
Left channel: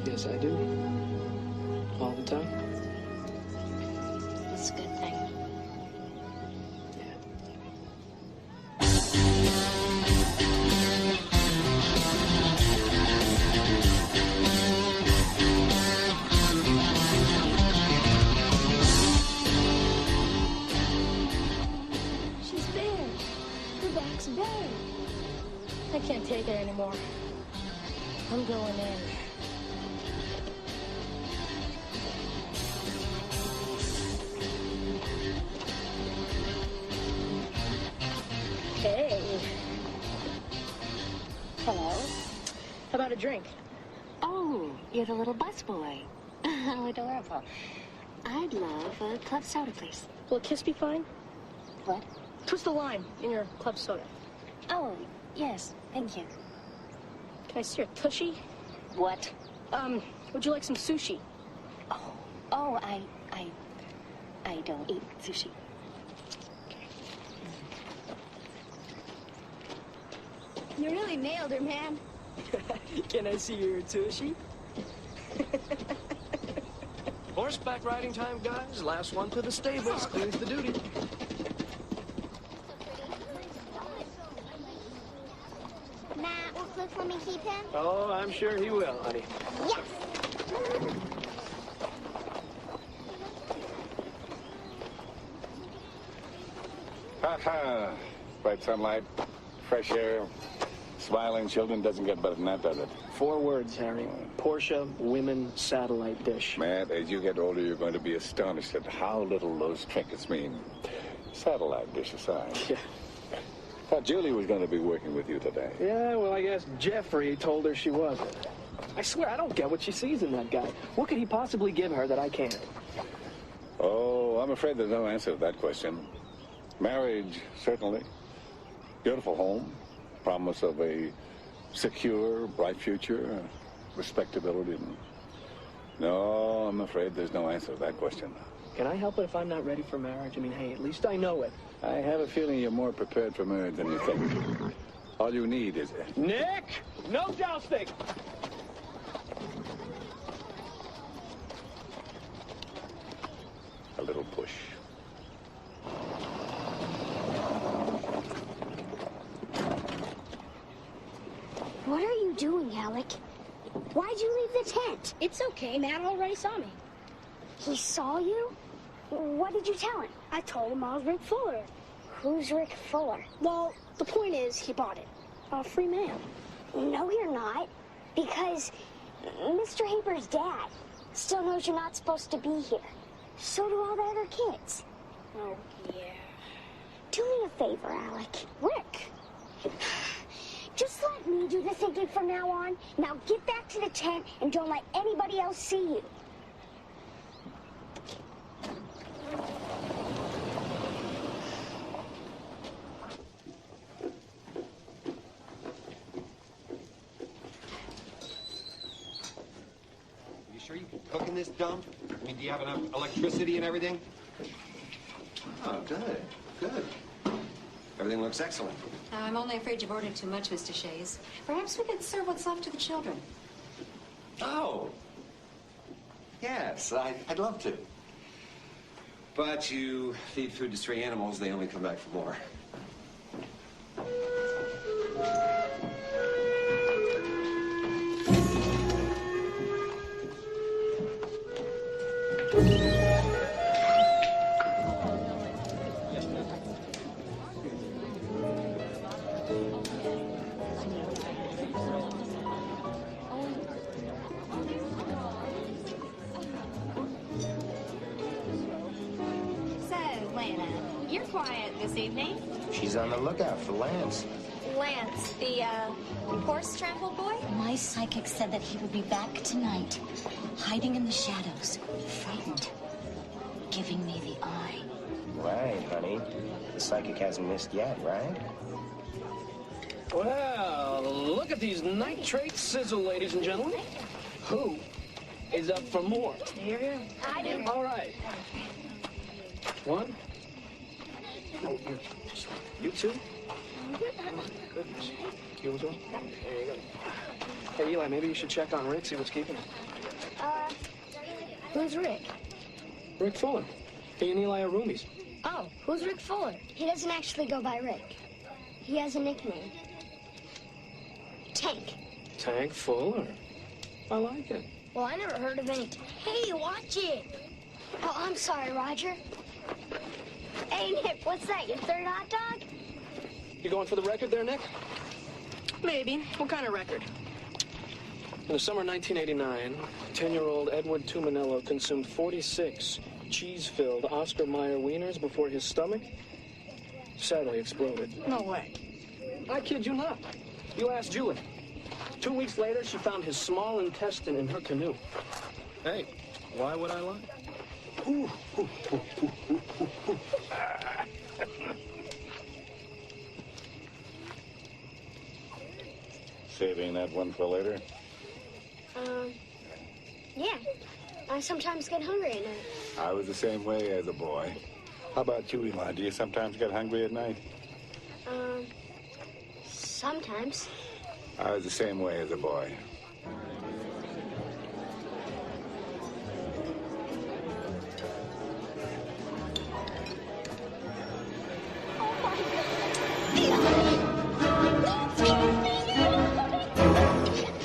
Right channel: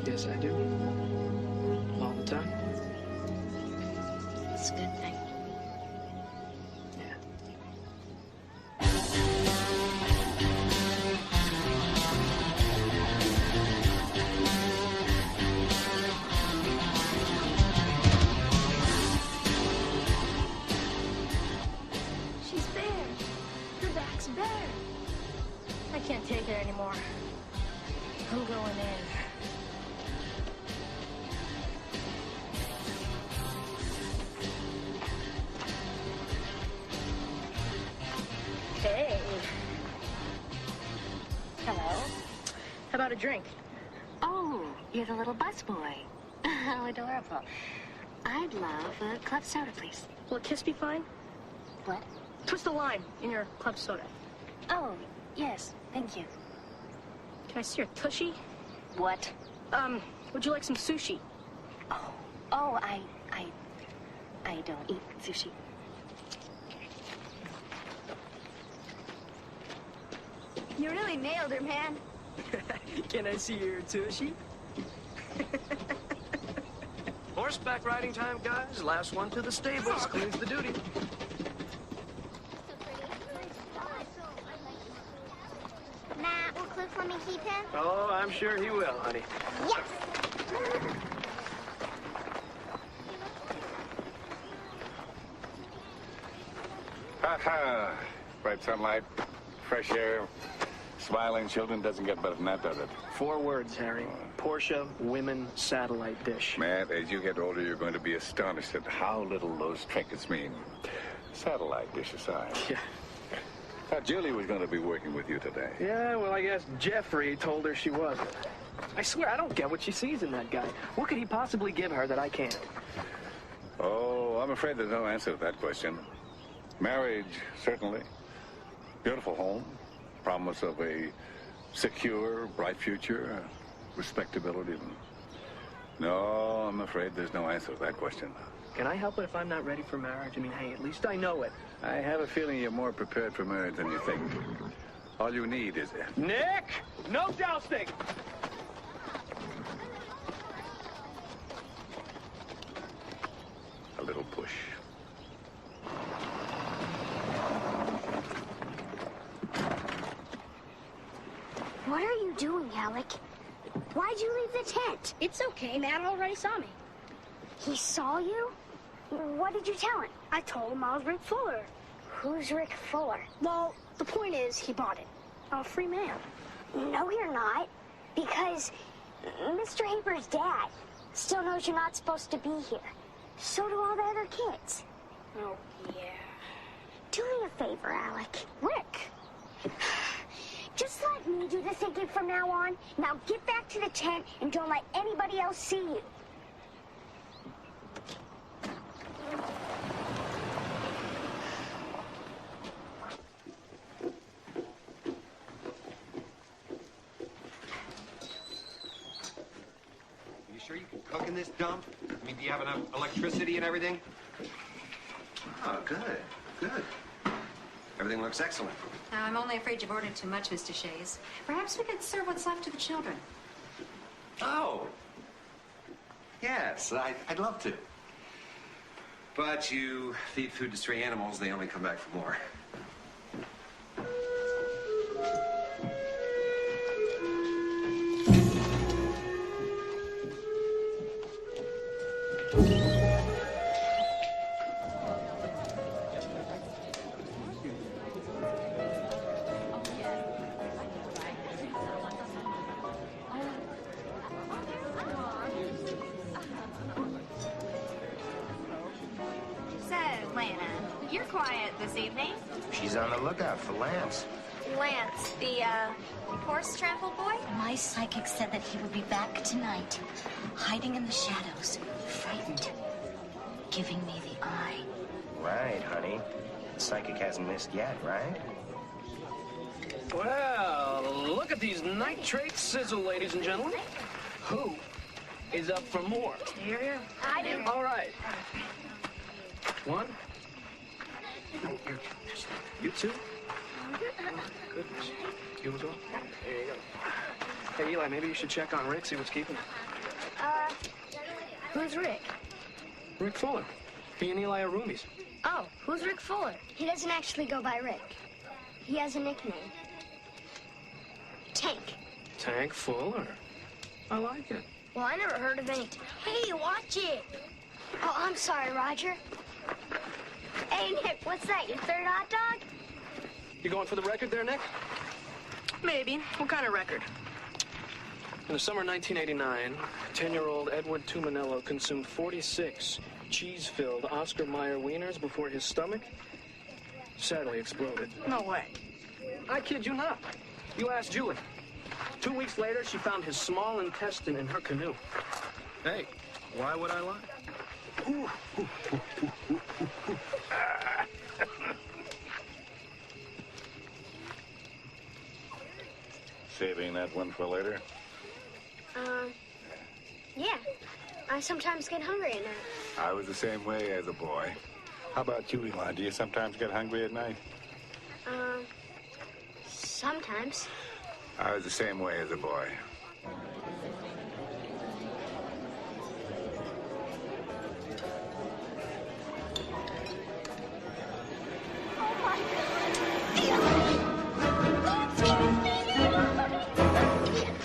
Yes, I do. All the time. It's a good thing. Yeah. She's bare. Her back's bare. I can't take it anymore. I'm going in. Hey. Hello. How about a drink? Oh, you're the little busboy. How adorable. I'd love a club soda, please. Will a kiss be fine? What? Twist a lime in your club soda. Oh, yes. Thank you. Can I see your tushy? What? Would you like some sushi? Oh, I don't eat sushi. You really nailed her, man. Can I see your tushy? Horseback riding time, guys. Last one to the stables cleans the duty. Matt, will Cliff let me keep him? Oh, I'm sure he will, honey. Yes! Ha-ha. Bright sunlight, fresh air, smiling children. Doesn't get better than that, does it? 4 words, Harry. Porsche women satellite dish. Matt, as you get older, you're going to be astonished at how little those trinkets mean. Satellite dish aside. Yeah. Thought Julie was going to be working with you today. Yeah, well, I guess Jeffrey told her she wasn't. I swear, I don't get what she sees in that guy. What could he possibly give her that I can't? Oh, I'm afraid there's no answer to that question. Marriage, certainly. Beautiful home. Promise of a secure, bright future. Respectability. No, I'm afraid there's no answer to that question. Can I help it if I'm not ready for marriage? I mean, hey, at least I know it. I have a feeling you're more prepared for marriage than you think. All you need is... Nick! No jousting! a little push. What are you doing, Alec? Why'd you leave the tent? It's okay. Matt already saw me. He saw you? What did you tell him? I told him I was Rick Fuller. Who's Rick Fuller? Well, the point is he bought it. I'm a free man. No, you're not. Because Mr. Haber's dad still knows you're not supposed to be here. So do all the other kids. Oh, yeah. Do me a favor, Alec. Rick. Just let me do the thinking from now on. Now get back to the tent and don't let anybody else see you. You sure you can cook in this dump? I mean, do you have enough electricity and everything? Oh, good, good. Everything looks excellent. Now, I'm only afraid you've ordered too much, Mr. Shays. Perhaps we could serve what's left to the children. Oh. Yes, I'd love to. But you feed food to stray animals, they only come back for more. You're quiet this evening. She's on the lookout for Lance. Lance, the, horse-trampled boy? My psychic said that he would be back tonight, hiding in the shadows, frightened, giving me the eye. Right, honey. The psychic hasn't missed yet, right? Well, look at these nitrate sizzle, ladies and gentlemen. Who is up for more? Here. I do. All right. One. Oh, you two? Oh, goodness. You as well? There you go. Hey, Eli, maybe you should check on Rick, see what's keeping him. Who's Rick? Rick Fuller. He and Eli are roomies. Oh, who's Rick Fuller? He doesn't actually go by Rick. He has a nickname. Tank. Tank Fuller. I like it. Well, I never heard of any... Hey, watch it! Oh, I'm sorry, Roger. Hey, Nick, what's that, your third hot dog? You going for the record there, Nick? Maybe. What kind of record? In the summer of 1989, 10-year-old Edward Tumanello consumed 46 cheese-filled Oscar Mayer wieners before his stomach sadly exploded. No way. I kid you not. You ask Julie. 2 weeks later, she found his small intestine in her canoe. Hey, why would I lie? Saving that one for later? Yeah. I sometimes get hungry at night. I was the same way as a boy. How about you, Eli? Do you sometimes get hungry at night? Sometimes. I was the same way as a boy. Oh my God! The eye! Let's get me!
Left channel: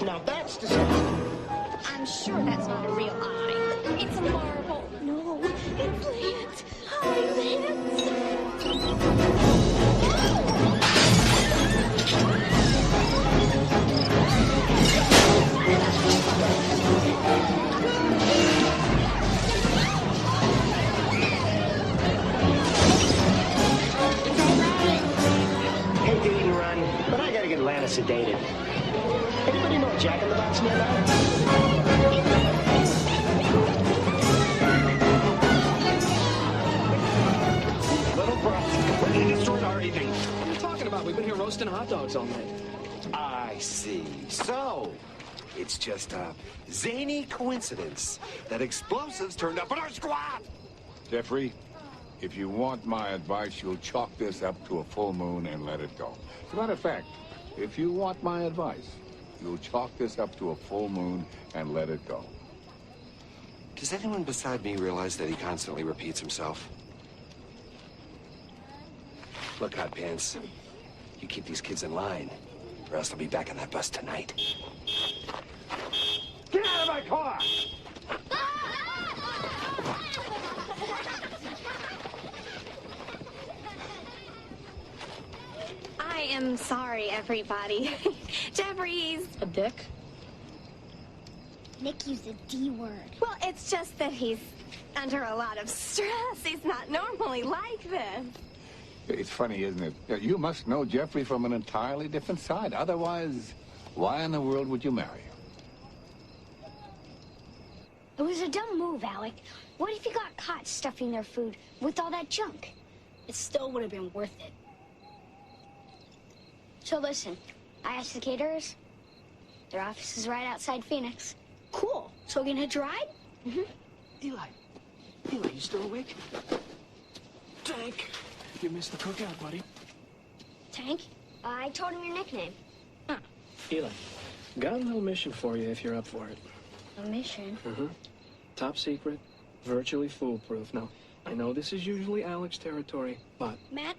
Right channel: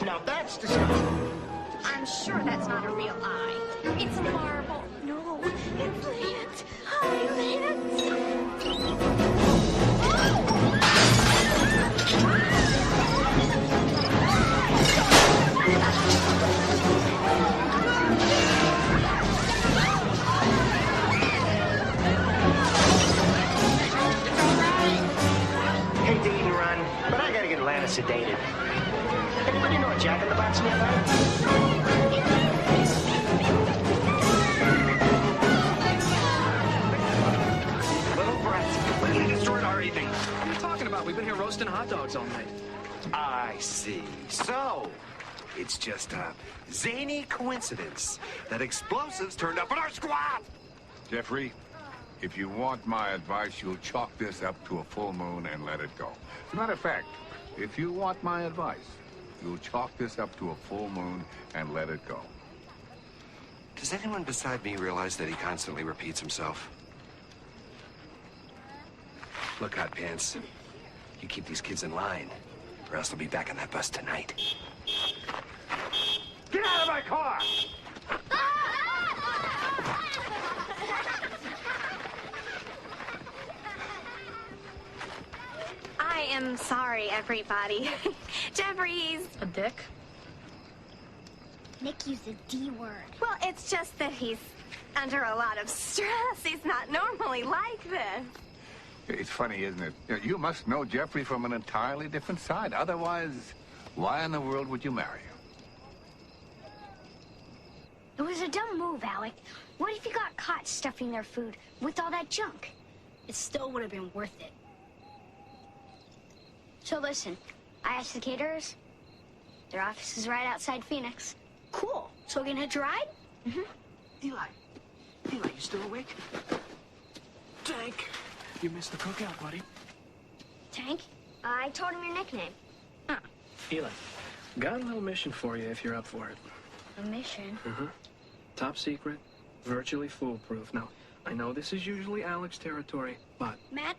Now that's disgusting. I'm sure that's not a real eye. It's a marble. No, it's Lance. Hi, Lance. It's all right. Hate to eat and run, but I gotta get Lana sedated. Anybody know a Jack-in-the-Box nearby? These little brats completely destroyed our evening. What are you talking about? We've been here roasting hot dogs all night. I see. So, it's just a zany coincidence that explosives turned up in our squad. Jeffrey, if you want my advice, you'll chalk this up to a full moon and let it go. As a matter of fact, if you want my advice, you'll chalk this up to a full moon and let it go. Does anyone beside me realize that he constantly repeats himself? Look, Hot Pants, you keep these kids in line, or else they'll be back on that bus tonight. Get out of my car! I am sorry, everybody. Jeffrey's a dick. Nick used the D word. Well, it's just that he's under a lot of stress. He's not normally like this. It's funny, isn't it? You must know Jeffrey from an entirely different side. Otherwise, why in the world would you marry him? It was a dumb move, Alec. What if you got caught stuffing their food with all that junk? It still would have been worth it. So listen, I asked the caterers. Their office is right outside Phoenix. Cool. So we can hitch a ride? Mm-hmm. Eli, you still awake? Tank, you missed the cookout, buddy. Tank? I told him your nickname. Huh. Eli, got a little mission for you if you're up for it. A mission? Mm-hmm. Top secret, virtually foolproof. Now, I know this is usually Alec's territory, but... Matt,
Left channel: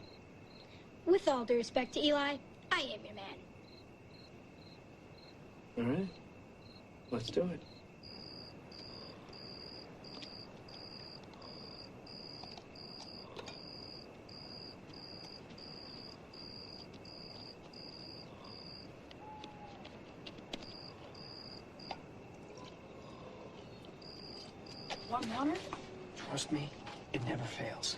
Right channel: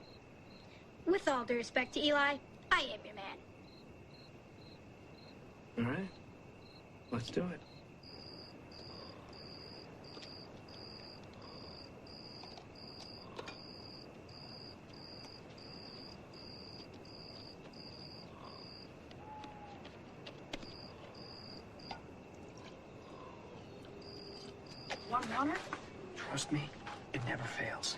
with all due respect to Eli, I am your man. All right. Let's do it. Want water? Trust me, it never fails.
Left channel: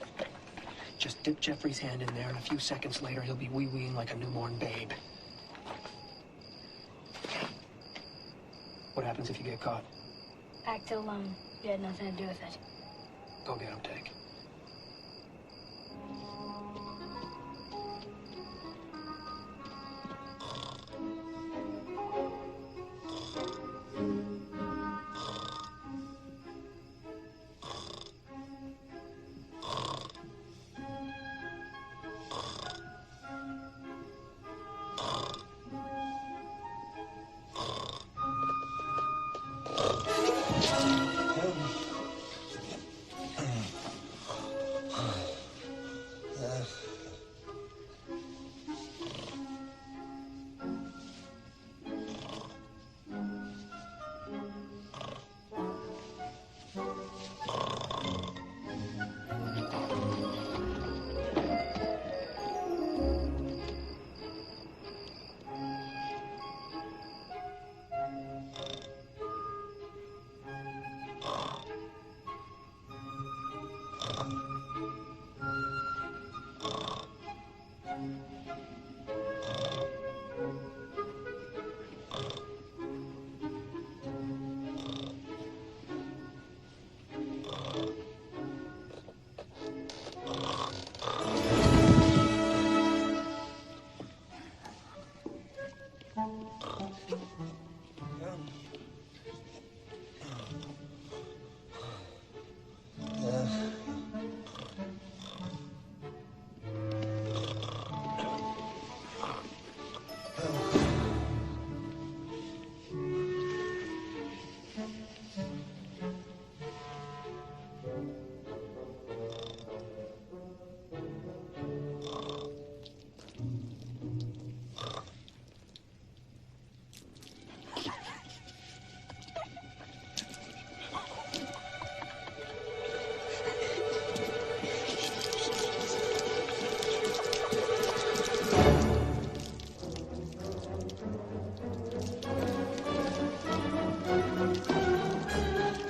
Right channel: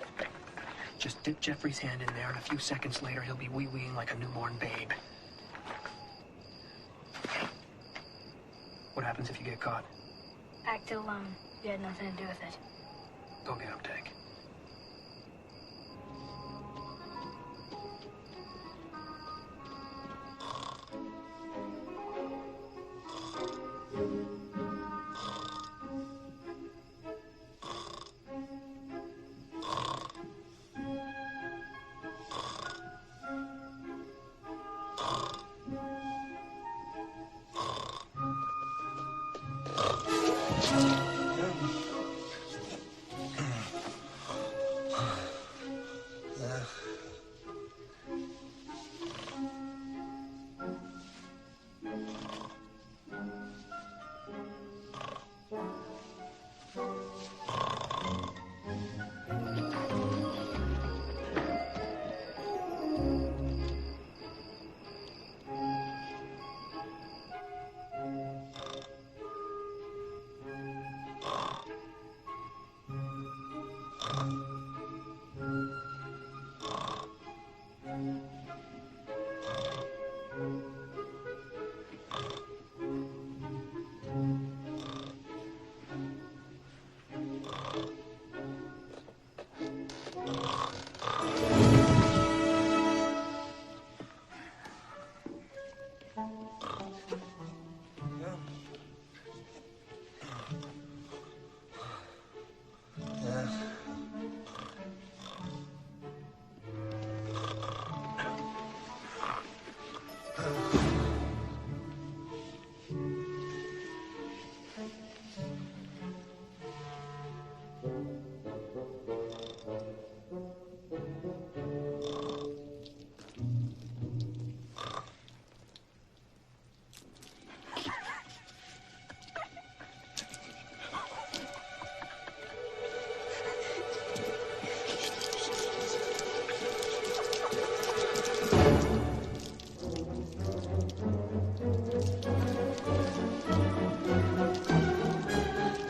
Just dip Jeffrey's hand in there, and a few seconds later, he'll be wee-weeing like a newborn babe. What happens if you get caught? Act alone. You had nothing to do with it. Go get him, Tank.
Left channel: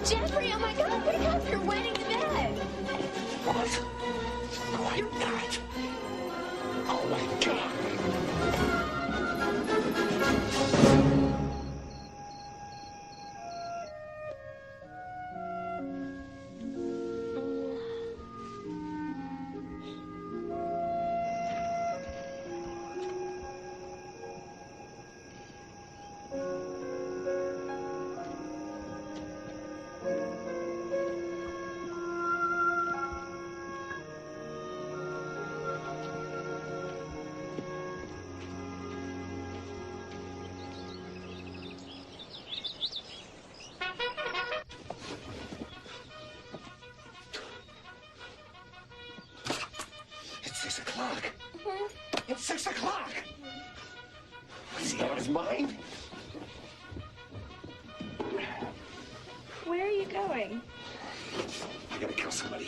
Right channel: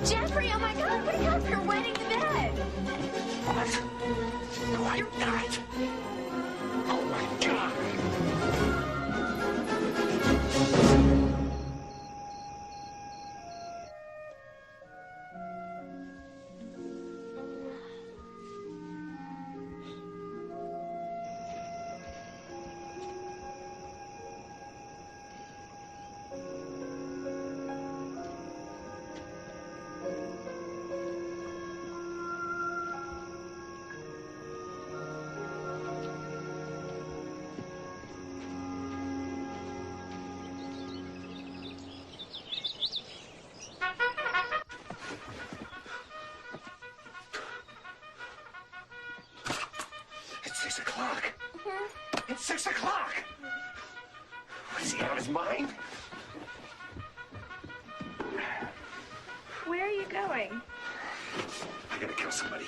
Jeffrey, oh my God, wake up! You're wetting the bed. What? No, I'm not. Oh my God! 6 o'clock. It's 6 o'clock. Is he out of his mind? Where are you going? I gotta kill somebody.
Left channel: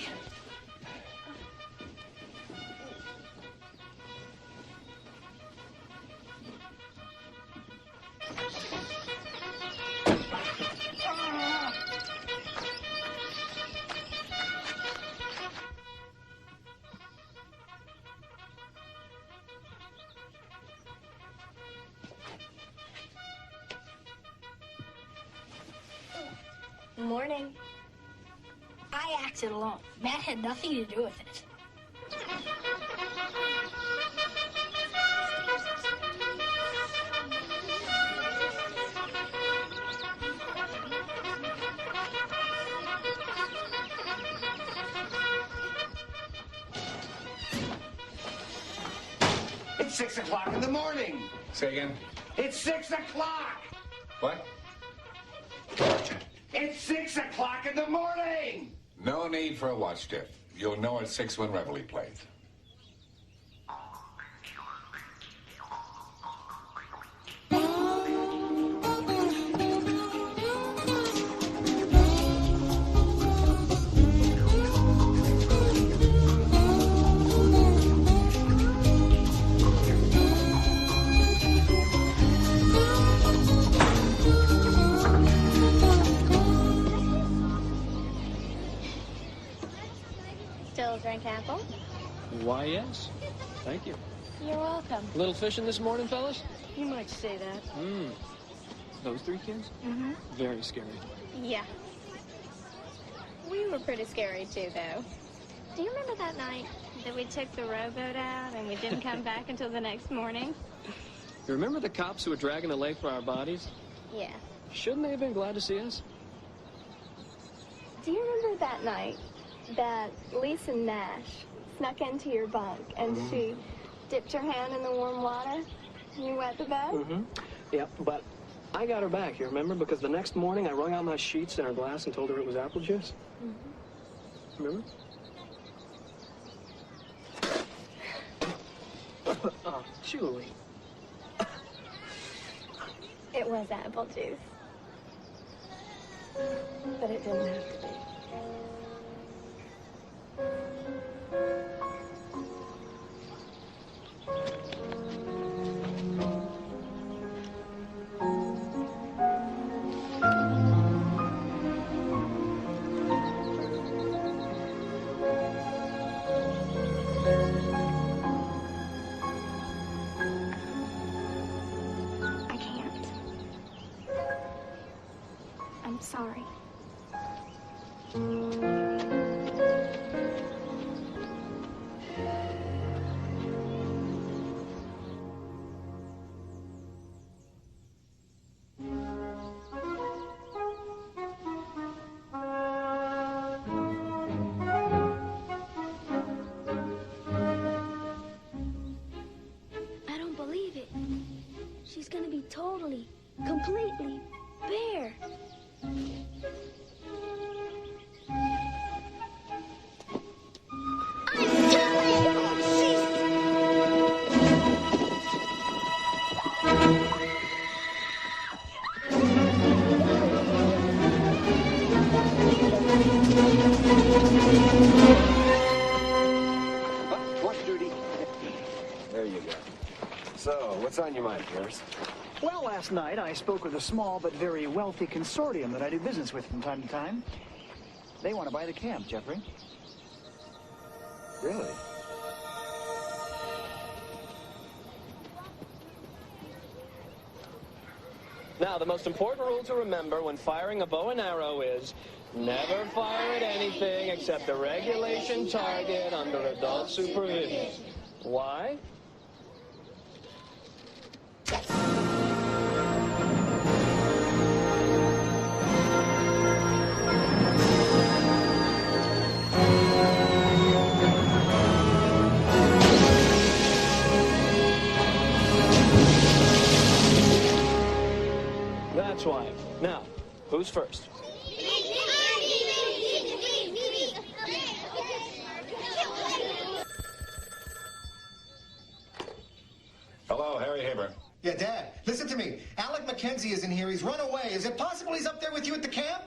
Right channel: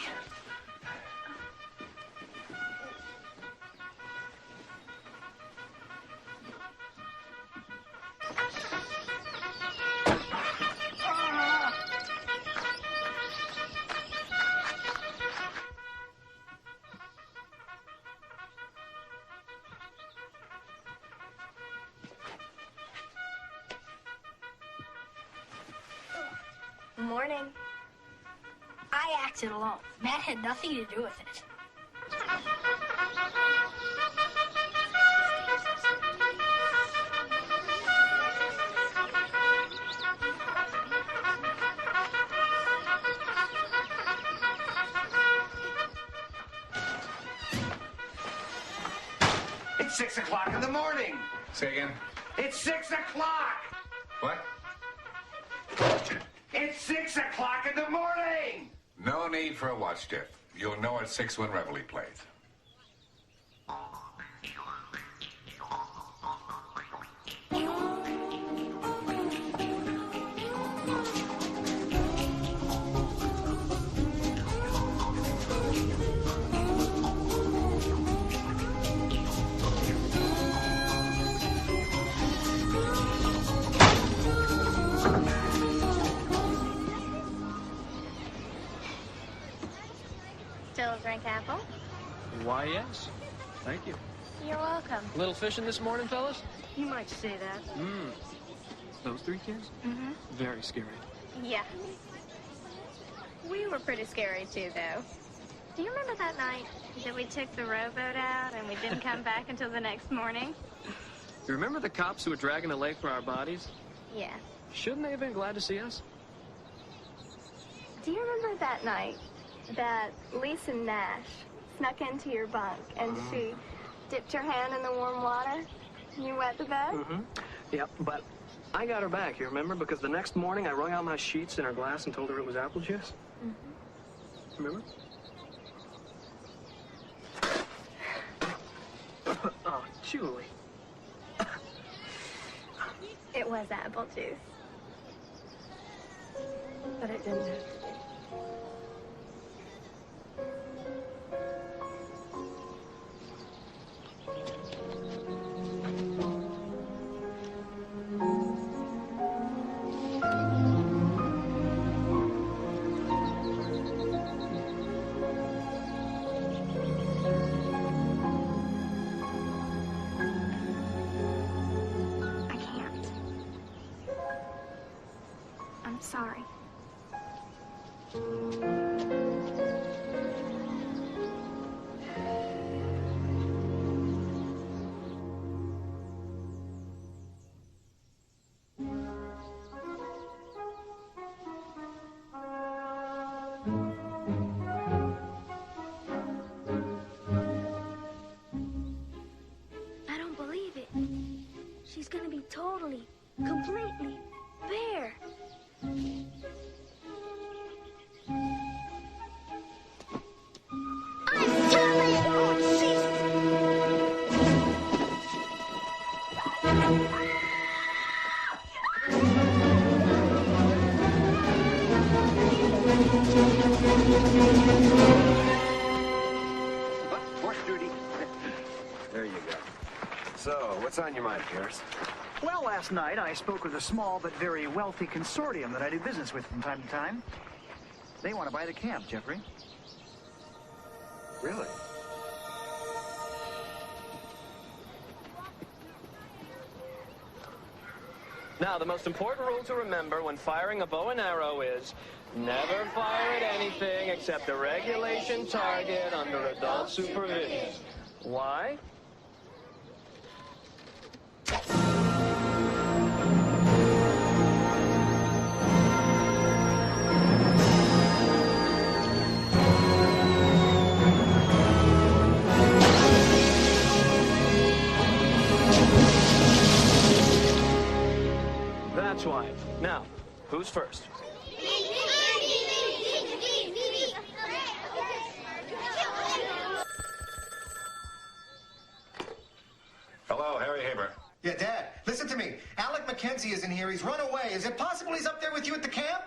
Morning. I acted alone. Matt had nothing to do with it. It's 6 o'clock in the morning. Say again? It's 6 o'clock. What? It's 6 o'clock in the morning. No need for a watch, Jeff. You'll know at 6 when Reveille plays. Still a drink apple? Why, yes. Thank you. You're welcome. Little fishing this morning, fellas? You might say that. Those 3 kids? Mm-hmm. Very scary. Yeah. We were pretty scary, too, though. Do you remember that night that we took the rowboat out and we didn't come back until the next morning? You remember the cops who were dragging the lake for our bodies? Yeah. Shouldn't they have been glad to see us? Do you remember that night that Lisa Nash snuck into your bunk and she dipped her hand in the warm water? You wet the bed? Yep, but I got her back, you remember? Because the next morning I wrung out my sheets in her glass and told her it was apple juice. Remember? Oh, Julie. It was apple juice. But it didn't have to be. I can't. I'm sorry. I don't believe it. She's gonna be totally, completely bare. I'm coming! Oh, What? Horse duty. There you go. So, what's on your mind, Pierce? Well, last night I spoke with a small but very wealthy consortium that I do business with from time to time. They want to buy the camp, Jeffrey. Really? Now, the most important rule to remember when firing a bow and arrow is never fire at anything except the regulation target under adult supervision. Why? That's why. Now, who's first? Yeah, Dad, listen to me. Alec McKenzie isn't here. He's run away. Is it possible he's up there with you at the camp?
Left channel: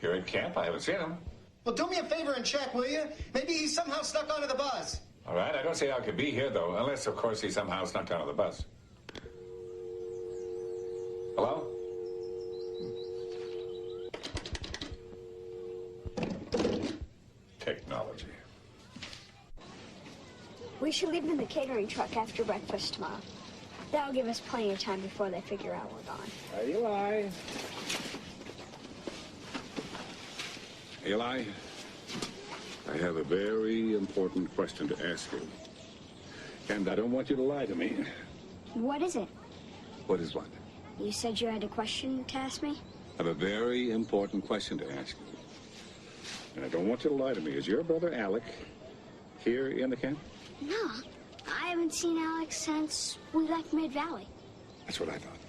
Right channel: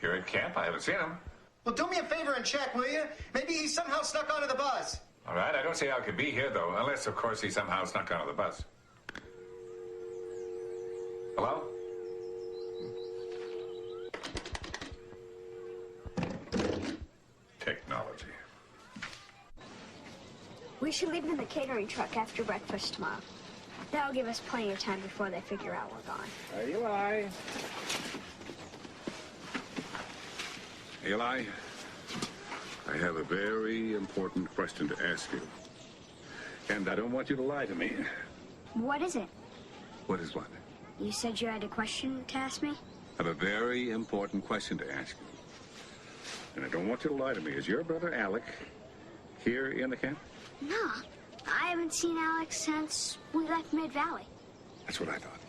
Here at camp? I haven't seen him. Well, do me a favor and check, will you? Maybe he somehow snuck onto the bus. All right, I don't see how it could be here, though, unless, of course, he somehow snuck onto the bus. Hello? Technology. We should leave in the catering truck after breakfast tomorrow. That'll give us plenty of time before they figure out we're gone. Eli. Eli, I have a very important question to ask you. And I don't want you to lie to me. What is it? What is what? You said you had a question to ask me? I have a very important question to ask you. And I don't want you to lie to me. Is your brother Alec here in the camp? No. I haven't seen Alex since we left Mid-Valley. That's what I thought.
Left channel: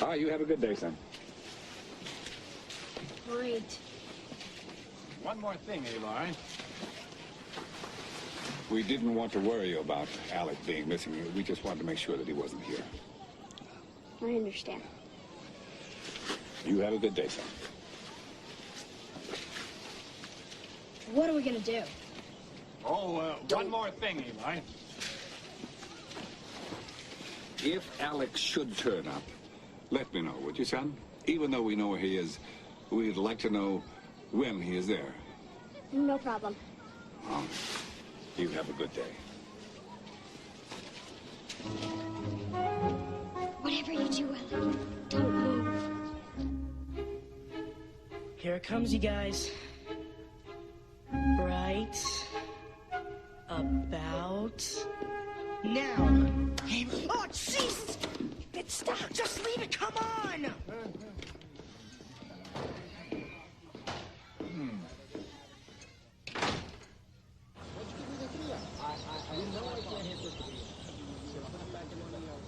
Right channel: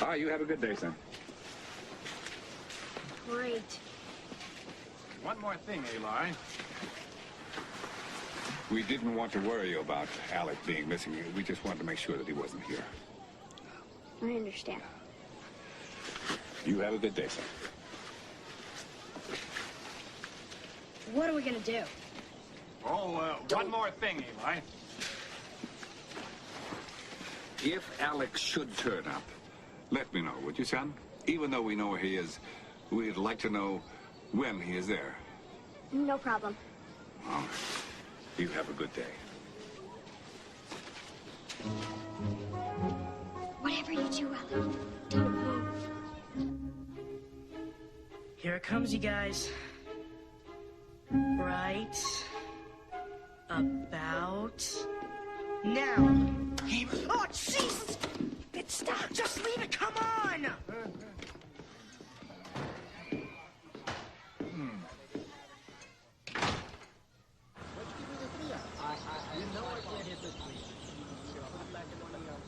All right, you have a good day, son. Great. One more thing, Eli. We didn't want to worry you about Alec being missing. We just wanted to make sure that he wasn't here. I understand. You have a good day, son. What are we gonna do? Oh, one more thing, Eli. If Alex should turn up, let me know, would you, son? Even though we know where he is, we'd like to know when he is there. No problem. Well, you have a good day. Whatever you do, Alec, don't move. Here it comes, you guys. Right about now. Oh, Jesus! Stop! Just leave it! Come on! What'd you give me the 3 on? I know I can't hit the 3 on. You can put it back in one of yours.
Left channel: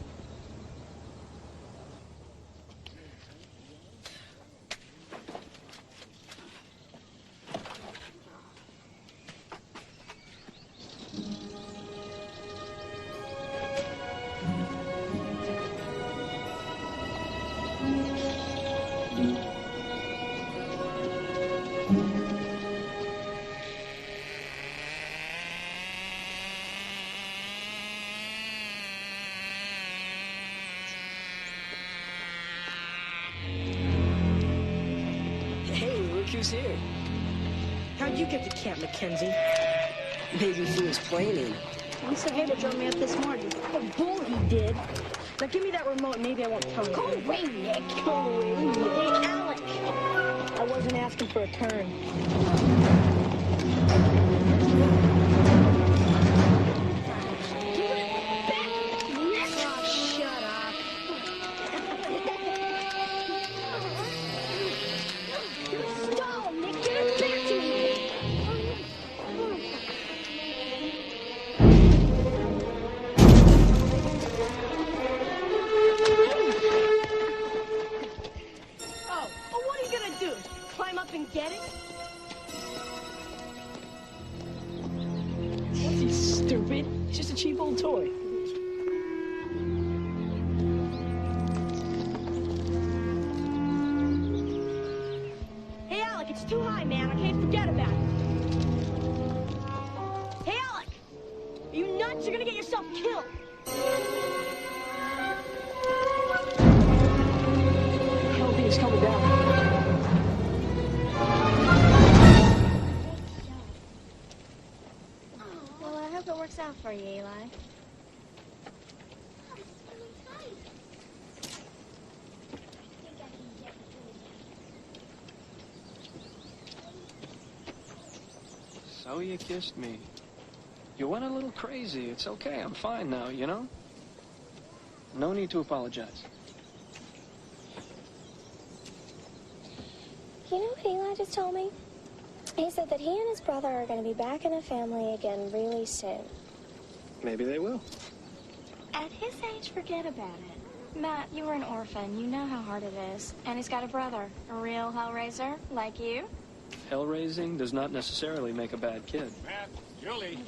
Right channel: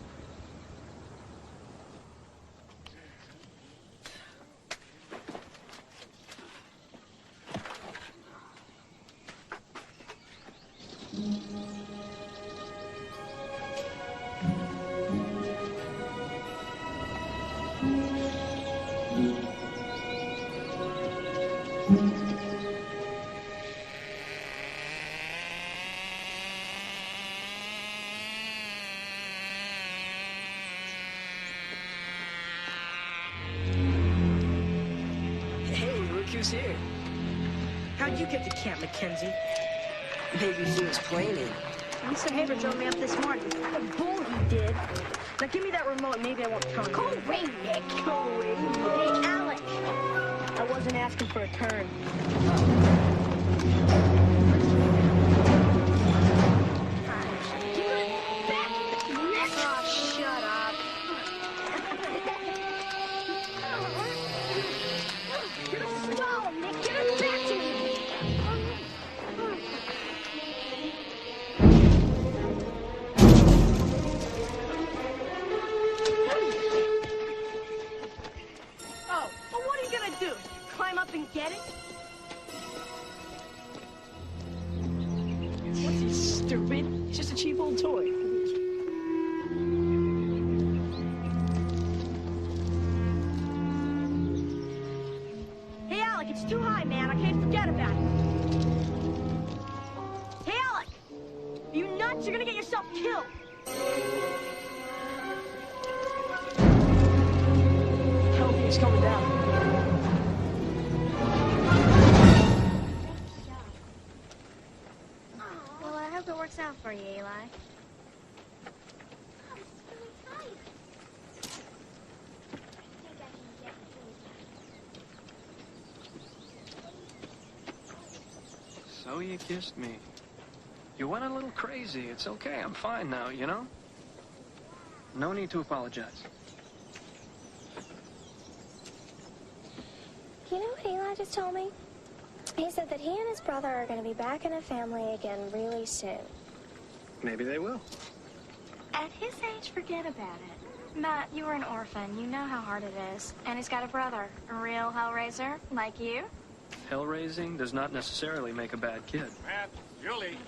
Hey, look who's here. How'd you get to Camp Mackenzie? Maybe he was planning. Mr. Haber drove me up this morning. A bull he did. Now give me that remote and maybe I won't tell you. Go away, Nick. Go away, Nick. Hey, Alec. I wasn't asking for a turn. Give it back, Nick. Oh, shut up. Stall, Nick. Give it back to me. Oh, well, what are you gonna do? Climb up and get it? What's he, stupid? It's just a cheap old toy. Hey, Alec, it's too high, man. I can't forget about it. Hey, Alec! Are you nuts? You're gonna get yourself killed. I don't think it's coming down. Well, I hope it works out for you, Eli. So you kissed me. You went a little crazy. It's okay. I'm fine now, you know? No need to apologize. You know what Eli just told me? He said that he and his brother are going to be back in a family again really soon. Maybe they will. At his age, forget about it. Matt, you were an orphan. You know how hard it is. And he's got a brother, a real hellraiser, like you. Hell-raising does not necessarily make a bad kid. Matt, Julie.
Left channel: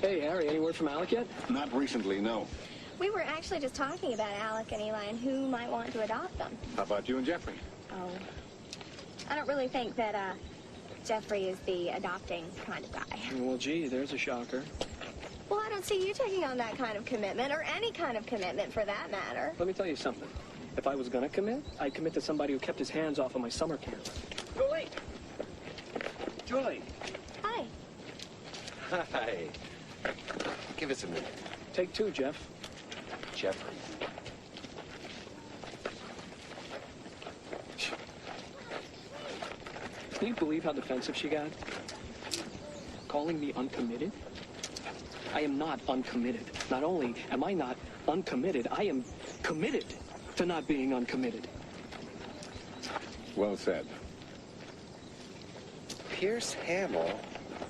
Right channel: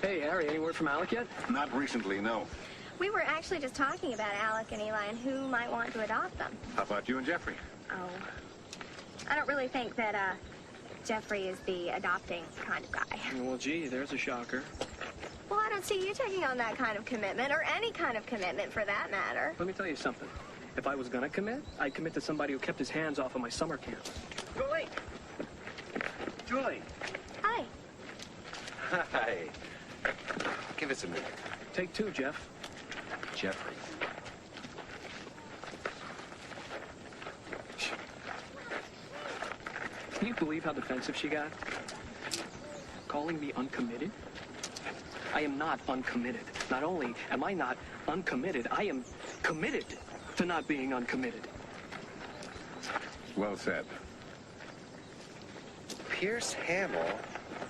Hey, Harry, any word from Alec yet? Not recently, no. We were actually just talking about Alec and Eli and who might want to adopt them. How about you and Jeffrey? Oh. I don't really think that, Jeffrey is the adopting kind of guy. Well, gee, there's a shocker. Well, I don't see you taking on that kind of commitment, or any kind of commitment for that matter. Let me tell you something. If I was gonna commit, I'd commit to somebody who kept his hands off of my summer camp. Julie! Julie! Hi. Hi. Give us a minute. Take two, Jeff. Jeffrey. Can you believe how defensive she got? Calling me uncommitted? I am not uncommitted. Not only am I not uncommitted, I am committed to not being uncommitted. Well said. Pierce Hamill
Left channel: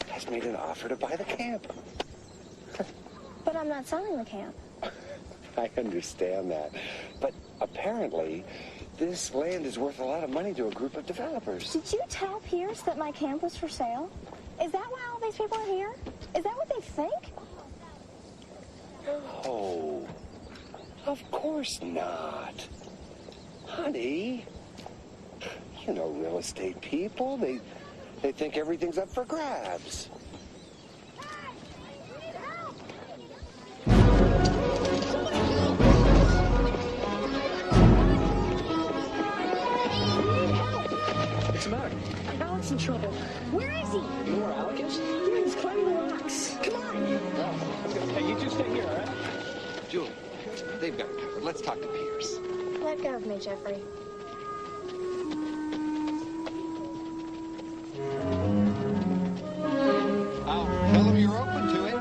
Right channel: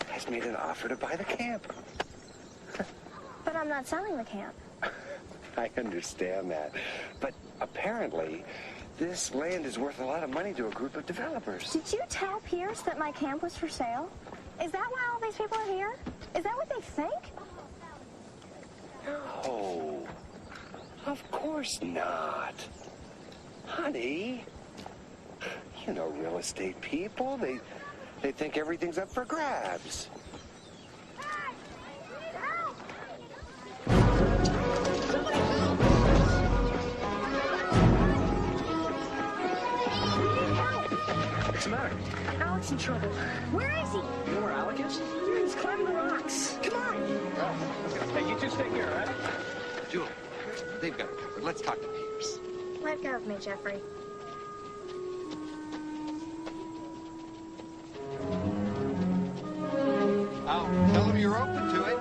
has made an offer to buy the camp. But I'm not selling the camp. I understand that. But apparently, this land is worth a lot of money to a group of developers. Did you tell Pierce that my camp was for sale? Is that why all these people are here? Is that what they think? Oh, of course not. Honey, you know real estate people. They think everything's up for grabs. Somebody help! We need help! What's the matter? Alec's in trouble. Where is he? You know where Alec is? Yeah, he's climbing the rocks. Come on! Well, hey, you two stay here, all right? Julie, they've got it covered. Let's talk to Pierce. Let go of me, Jeffrey. I'll tell him you're open to it.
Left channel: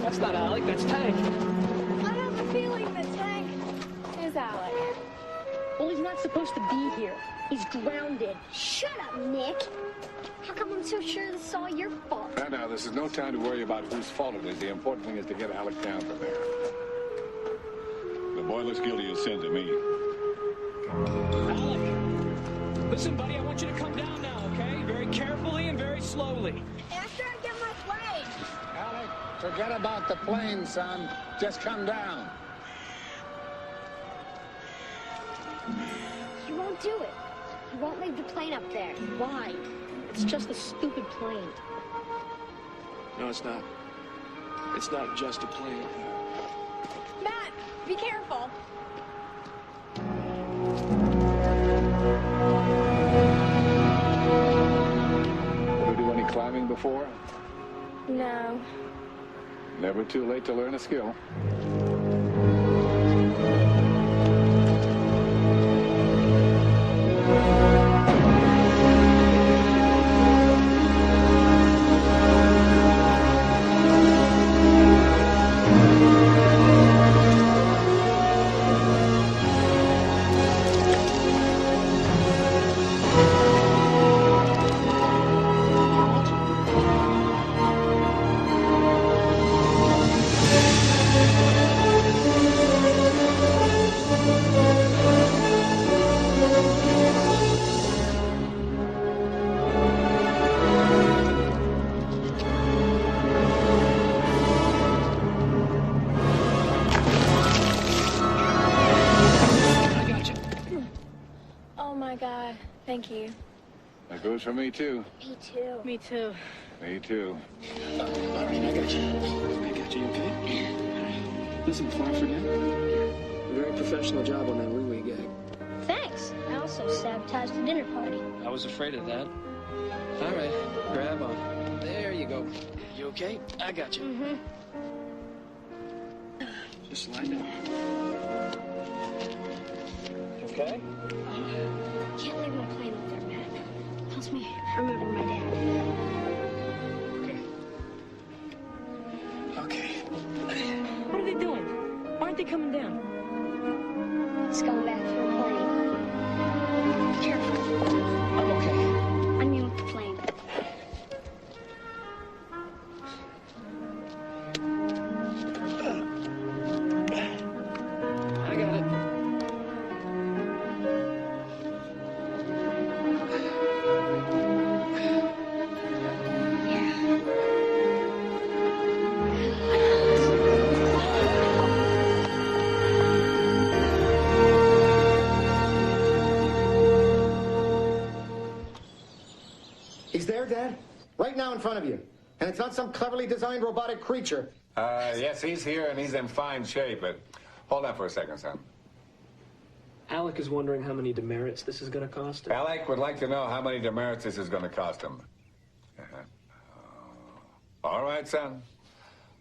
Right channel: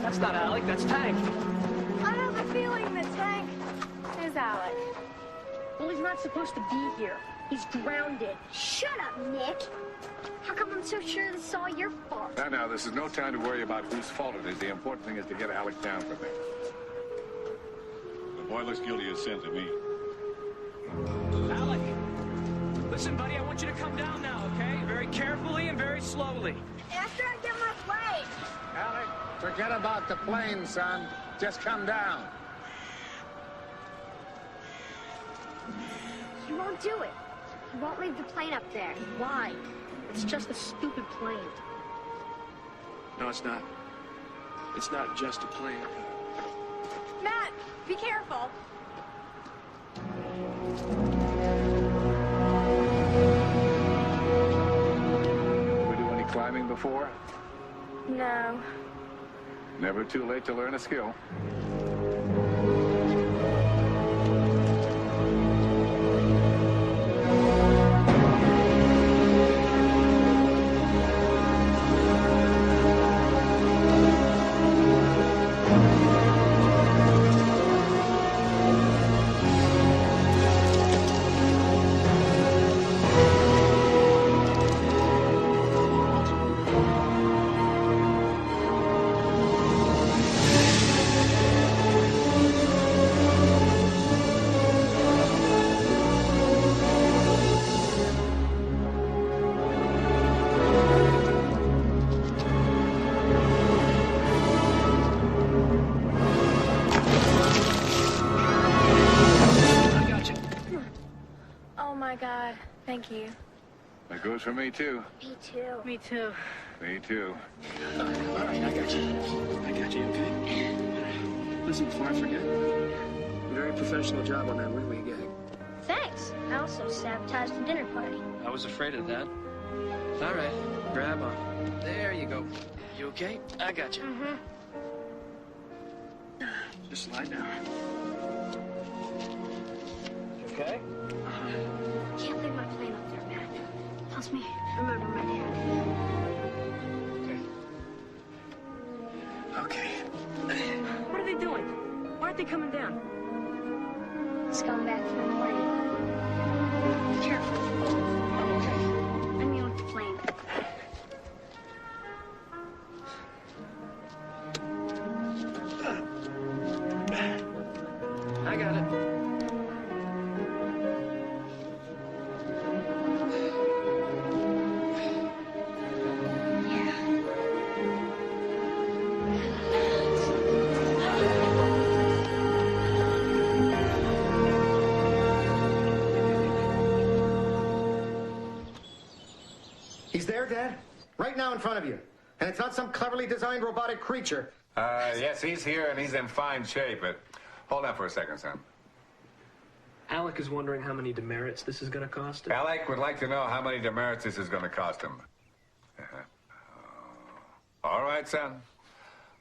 That's not Alec, that's Tank. I have a feeling that Tank is Alec. Well, he's not supposed to be here. He's grounded. Shut up, Nick. How come I'm so sure this is all your fault? Now, this is no time to worry about whose fault it is. The important thing is to get Alec down from here. The boy looks guilty as sin to me. Alec! Listen, buddy, I want you to come down now, okay? Very carefully and very slowly. After I get my plane. Alec, forget about the plane, son. Just come down. You won't do it. You won't leave the plane up there. Why? It's just a stupid plane. No, it's not. It's not just a plane. Matt, be careful. Ever do any climbing before? No. Never too late to learn a skill. Oh my God, thank you. That goes for me, too. Me too. Me too. Me, too. All right, I got you. I got you, okay? Listen, before I forget, very professional job on that wee-wee gag. Thanks. I also sabotaged the dinner party. I was afraid of that. All right, grab on. There you go. You okay? I got you. Mm-hmm. Just slide down. You okay? Can't leave my plane up there, Matt. Helps me remember my dad. Okay. Okay. What are they doing? Why aren't they coming down? He's going back for the plane. Be careful. I'm okay. I mean with the plane. got it. He's there, Dad? Right now in front of you. And it's not some cleverly designed robotic creature. Yes, he's here and he's in fine shape, but hold on for a second, son. Alec is wondering how many demerits this is going to cost him. Alec would like to know how many demerits this is going to cost him. All right, son.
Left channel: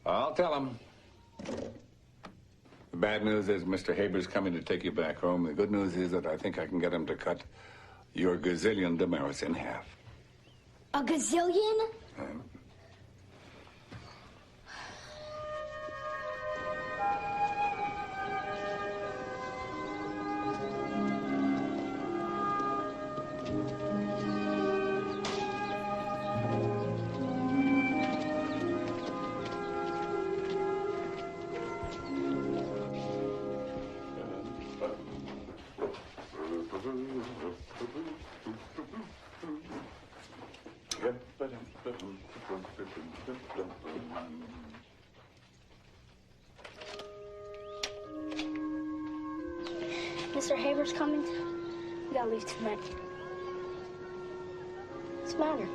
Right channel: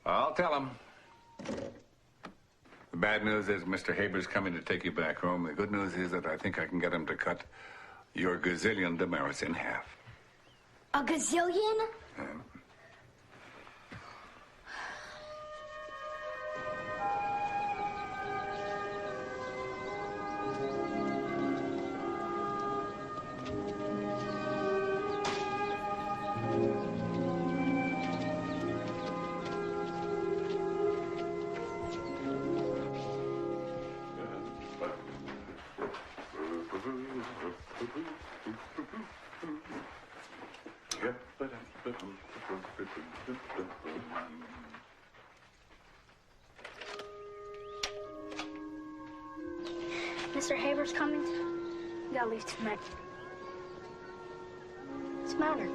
I'll tell him. The bad news is Mr. Haber's coming to take you back home. The good news is that I think I can get him to cut your gazillion demerits in half. A gazillion? Mr. Haber's coming. You gotta leave tonight. What's the matter?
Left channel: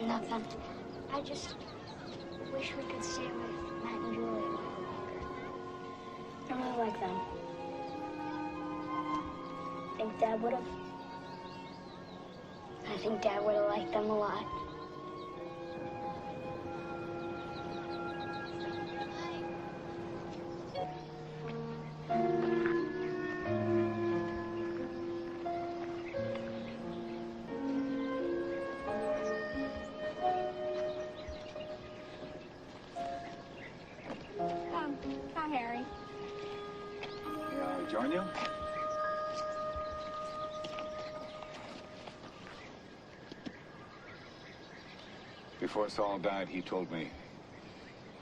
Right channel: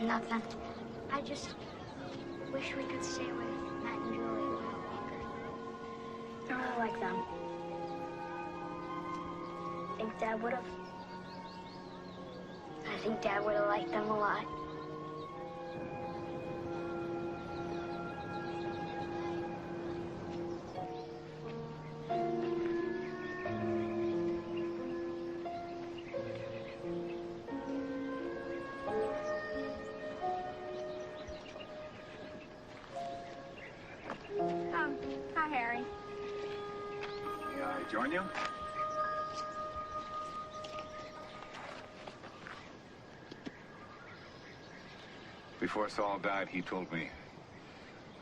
Nothing. I just wish we could stay with Matt and Julie a while longer. I really like them. Think Dad would have? I think Dad would have liked them a lot. Hi, Harry. May I join you? Before Saul died, he told me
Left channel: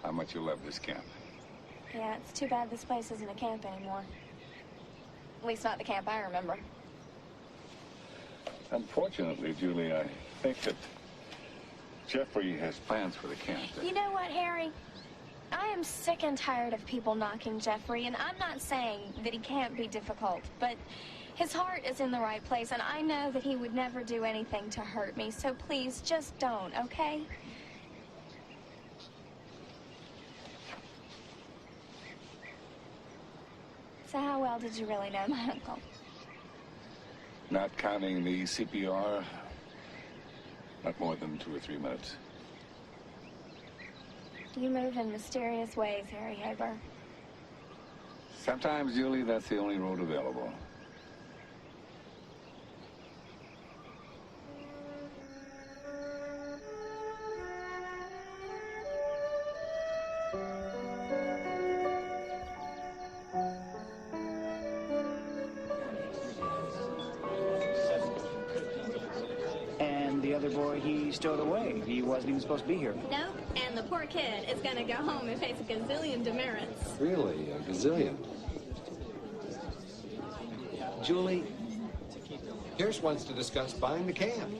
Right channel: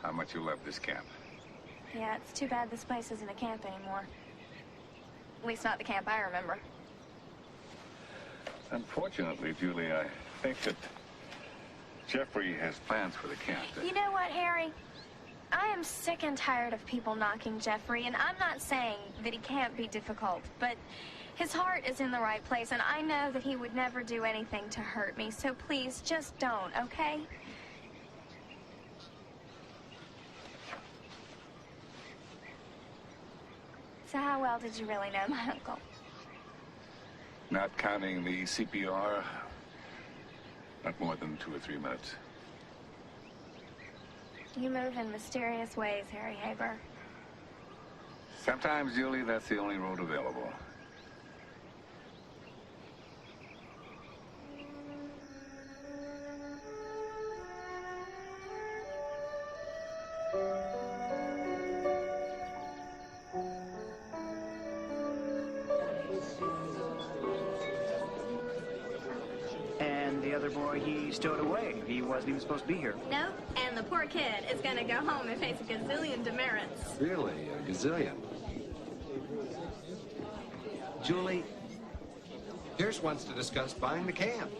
how much you love this camp. Yeah, it's too bad this place isn't a camp anymore. At least not the camp I remember. Unfortunately, Julie, I think that Jeffrey has plans for the camp. You know what, Harry? I am sick and tired of people knocking Jeffrey, and I'm not saying that he can't be difficult, but his heart is in the right place, and I know that he would never do anything to hurt me, so please, just don't, okay? So how well did you really know my uncle? Not counting the CPR, not more than 2 or 3 minutes. You move in mysterious ways, Harry Haber. Sometimes, Julie, that's the only road available. And the other boy, he stowed away. He wasn't even supposed to be here. Nope, and the poor kid is gonna go home and face a gazillion demerits. Really? A gazillion? Julie, Pierce wants to discuss buying the camp.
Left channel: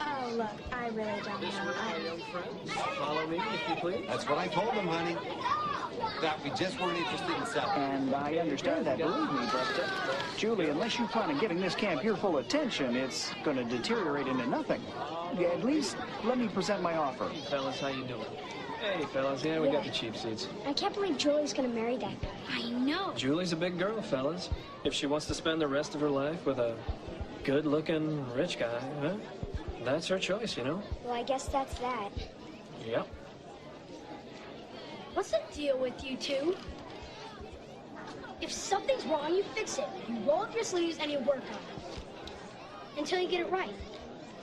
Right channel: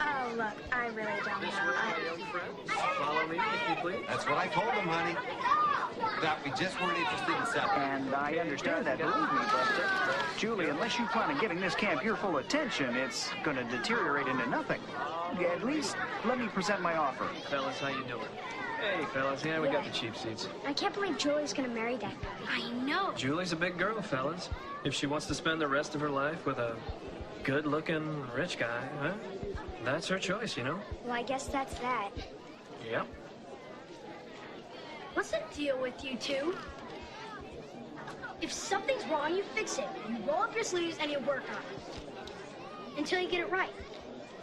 Oh, look, I really don't This know. way, my young friends. Follow me, if you please. That's what I told them, honey. That we just weren't interested in selling. And I understand that, believe me, but, Julie, unless you plan on giving this camp your full attention, it's going to deteriorate into nothing. At least, let me present my offer. Hey, fellas, how you doing? Hey, fellas, yeah, we got the cheap seats. I can't believe Julie's gonna marry that guy. I know. Julie's a big girl, fellas. If she wants to spend the rest of her life with a good-looking, rich guy, huh? That's her choice, you know? Well, I guess that's that. Yep. What's the deal with you two? If something's wrong, you fix it. You roll up your sleeves and you work on it. Until you get it right.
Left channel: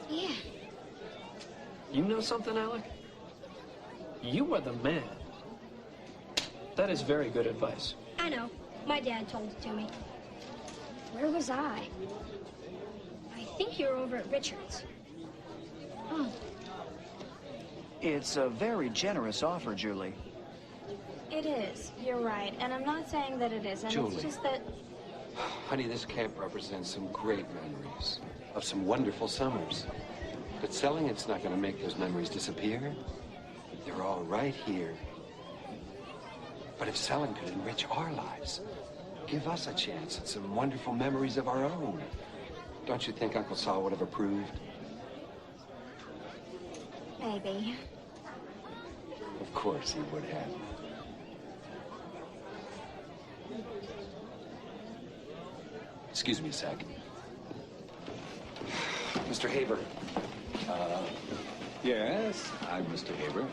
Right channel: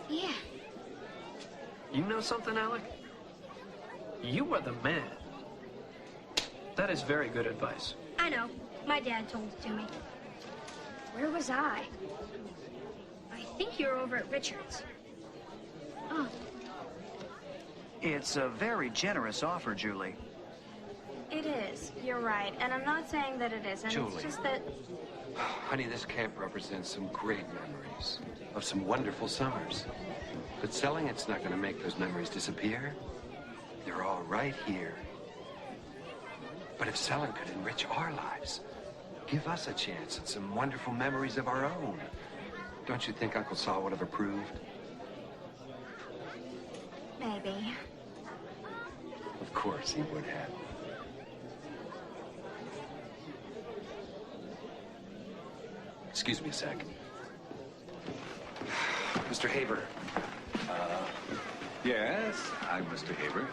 Yeah. You know something, Alec? You are the man. That is very good advice. I know. My dad told it to me. Where was I? I think you were over at Richard's. Oh. It's a very generous offer, Julie. It is. You're right. And I'm not saying that it isn't. Julie. It's just that... Honey, this camp represents some great memories of some wonderful summers. But selling it's not going to make those memories disappear. They're all right here. But if selling could enrich our lives, give us a chance at some wonderful memories of our own, don't you think Uncle Saul would have approved? Maybe. Of course he would have. Excuse me a sec. Mr. Haber. Yes, I'm Mr. Haber.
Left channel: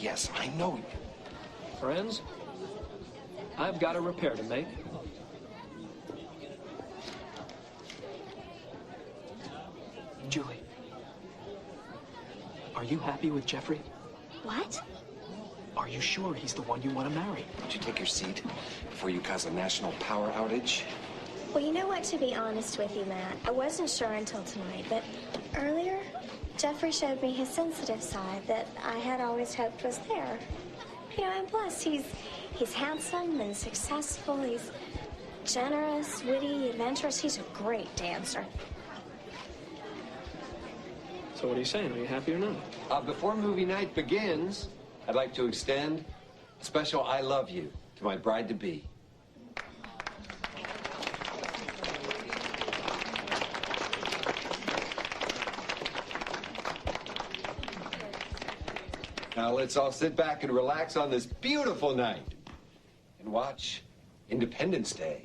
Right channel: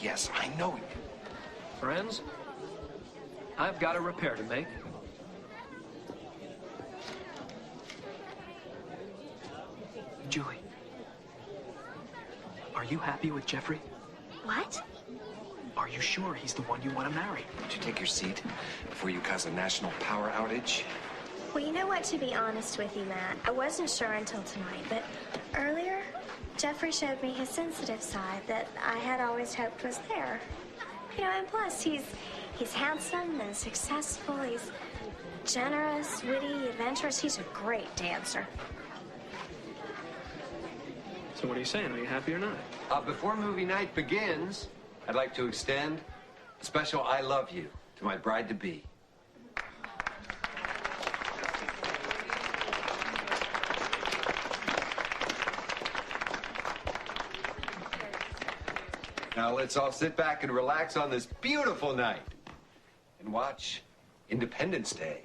Yes, I know. Friends, I've got a repair to make. Julie, are you happy with Jeffrey? What? Are you sure he's the one you want to marry? Would you take your seat before you cause a national power outage? Well, you know what, to be honest with you, Matt, I wasn't sure until tonight, but earlier, Jeffrey showed me his sensitive side that I had always hoped was there. You know, and plus, he's handsome and successful. He's generous, witty, adventurous. He's a great dancer. So what are you saying? Are you happy or not? Before movie night begins, I'd like to extend a special I love you to my bride-to-be. Now let's all sit back and relax on this beautiful night and watch Independence Day.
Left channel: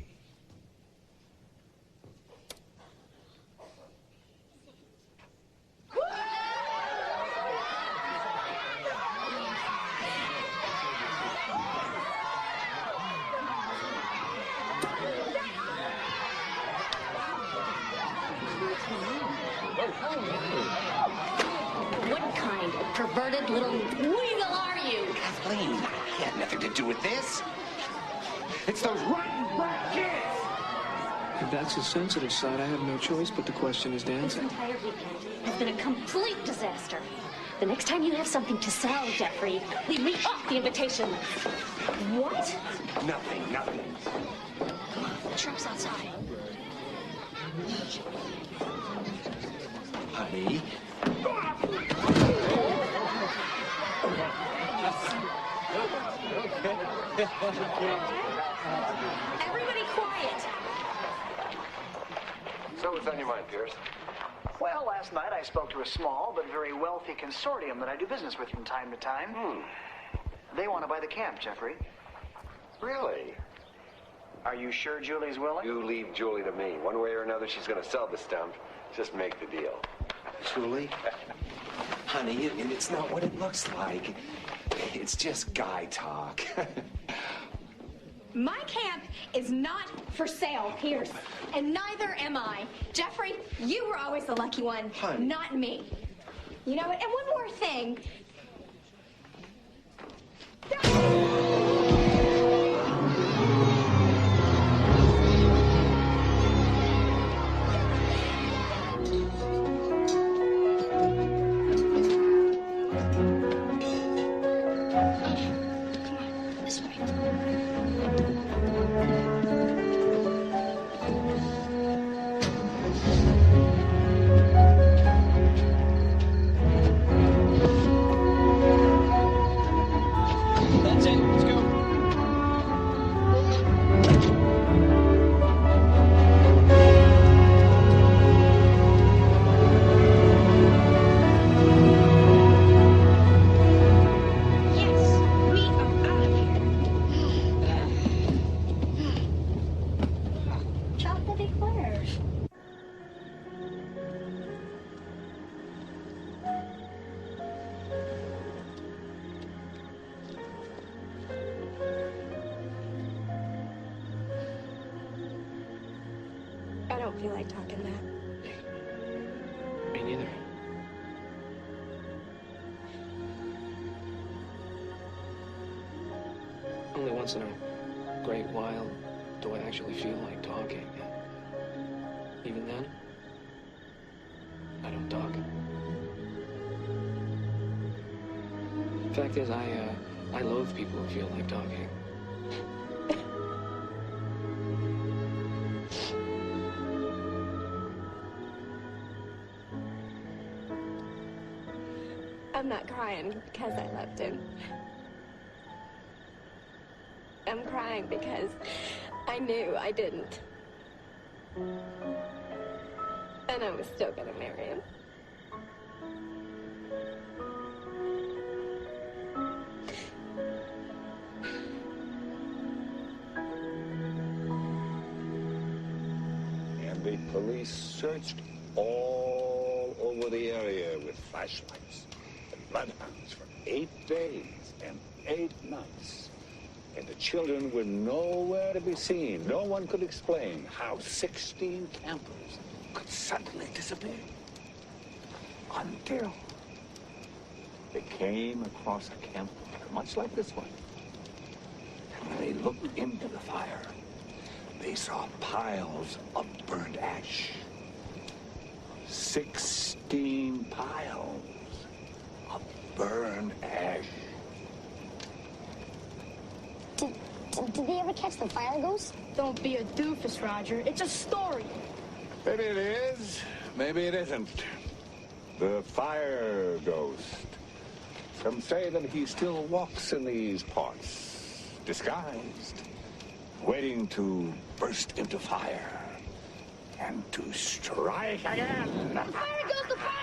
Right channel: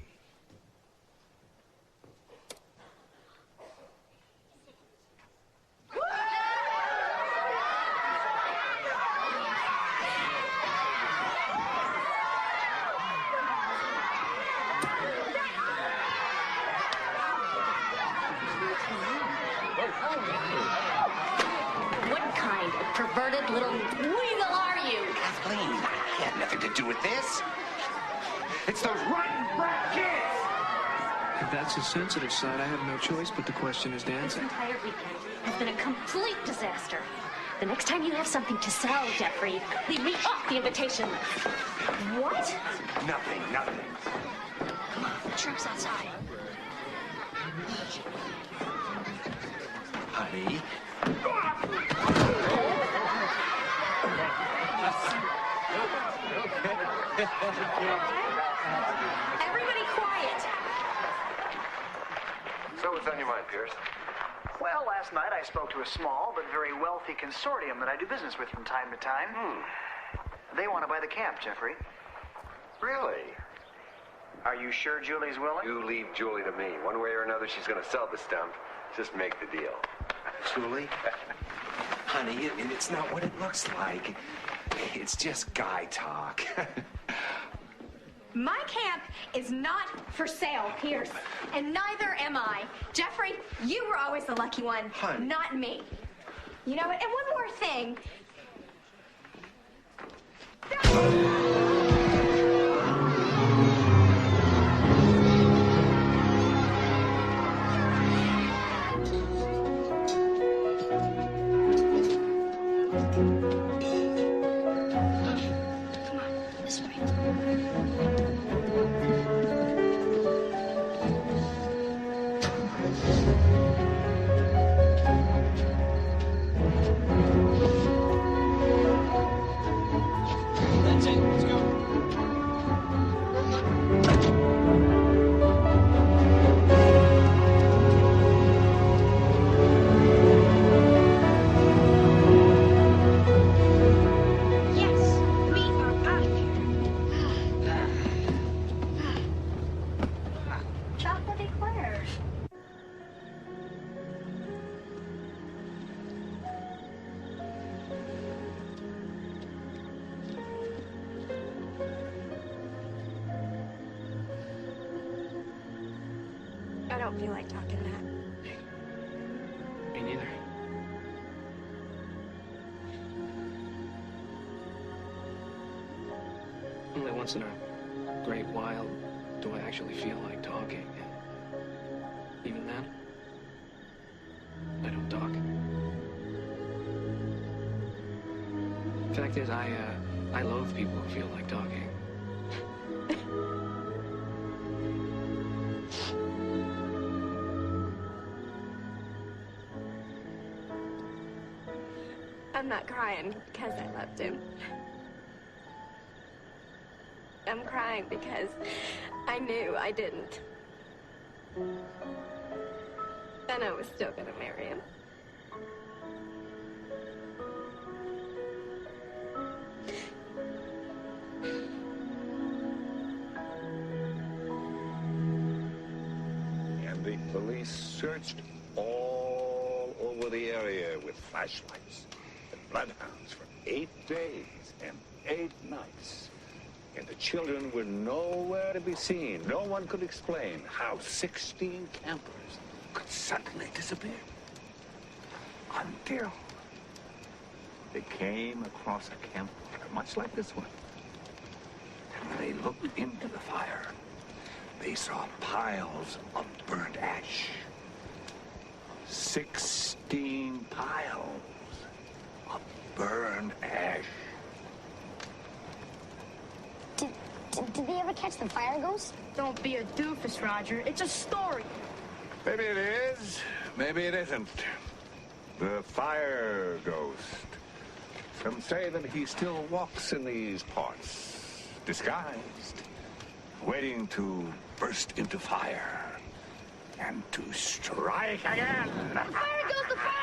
What kind of perverted little weasel are you? Kathleen, I had nothing to do with this. It's those rotten brat kids! If that's his sensitive side, I have no choice but to question his This dancing. entire weekend has been a complete disaster. The next time you have something to sell, Jeffrey, leave me off the invitation list. What? Nothing. Come on, the truck's outside. Honey. Everybody quiet. So what's on your mind, Pierce? Well, last night I spoke to a small but very wealthy consortium that I do business with from time to time. They want to buy the camp, Jeffrey. Really? Are you sure Julie's willing? You leave Julie to me. One way or another, she's going to sell the stump. Just make the deal. Julie? Honey, it's not what it looks like. It's just guy talk. My camp is not for sale, Pierce. And neither am I. Jeffrey, you were always the lucky one, not me. You know what? And one more thing. Come on, this way. That's it. Let's go. Yes, we are out of here. Chocolate eclairs. I don't feel like talking, Matt. Me neither. Only once in a great while do I actually feel like talking. And even then, I don't talk. Fact is, I I loathe people who feel like talking. I'm not crying because I loved him. I'm crying because I knew I didn't. And I was still gonna marry him. And the police searched all over the area with flashlights and bloodhounds for 8 days and 8 nights. And the children were nowhere to be seen. No one could explain how 16 campers could suddenly disappear. Until they came across a campfire, much like this one. And when they looked into the fire, they saw piles of burnt ash. 16 piles of burned ash. Did they ever catch the fire ghost? Don't be a doofus, Roger. It's a story. Maybe it is, maybe it isn't. The fire ghost. Some say that he still walks in these parts, disguised, waiting to burst into fire and to strike again. The fire ghost! The fire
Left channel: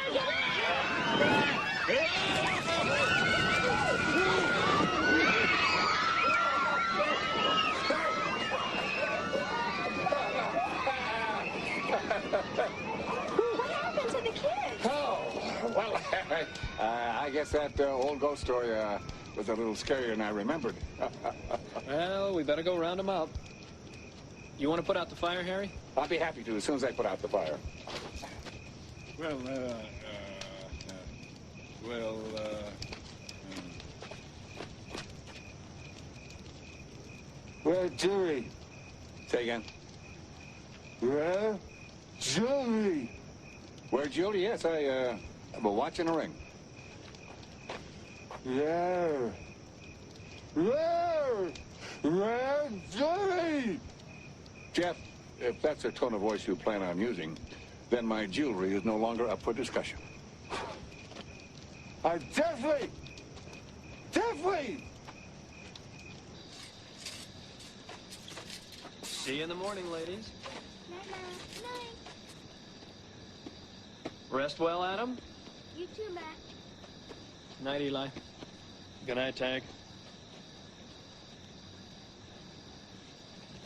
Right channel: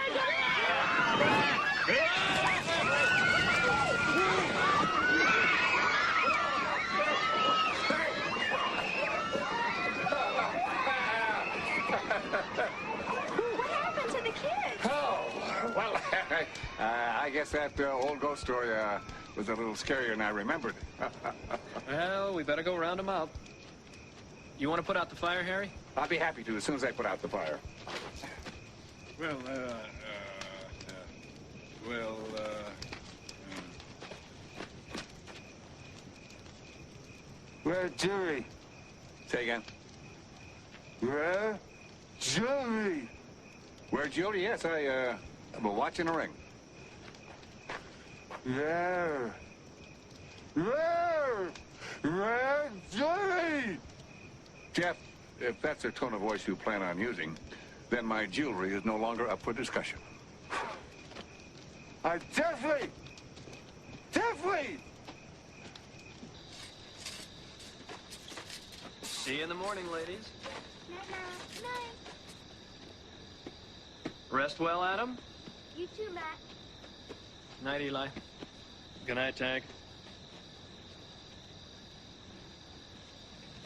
What happened to the kids? Oh, well, I guess that old ghost story was a little scarier than I remembered. Well, we better go round them up. You want to put out the fire, Harry? I'll be happy to as soon as I put out the fire. Well, Where's Julie? Say again. Where? Julie. Where's Julie? Yes, I'm watching a ring. Where's Julie? Jeff, if that's the tone of voice you plan on using, then my jewelry is no longer up for discussion. Definitely! See you in the morning, ladies. Night. Rest well, Adam. You too, Matt. Night, Eli. Good night, Tag.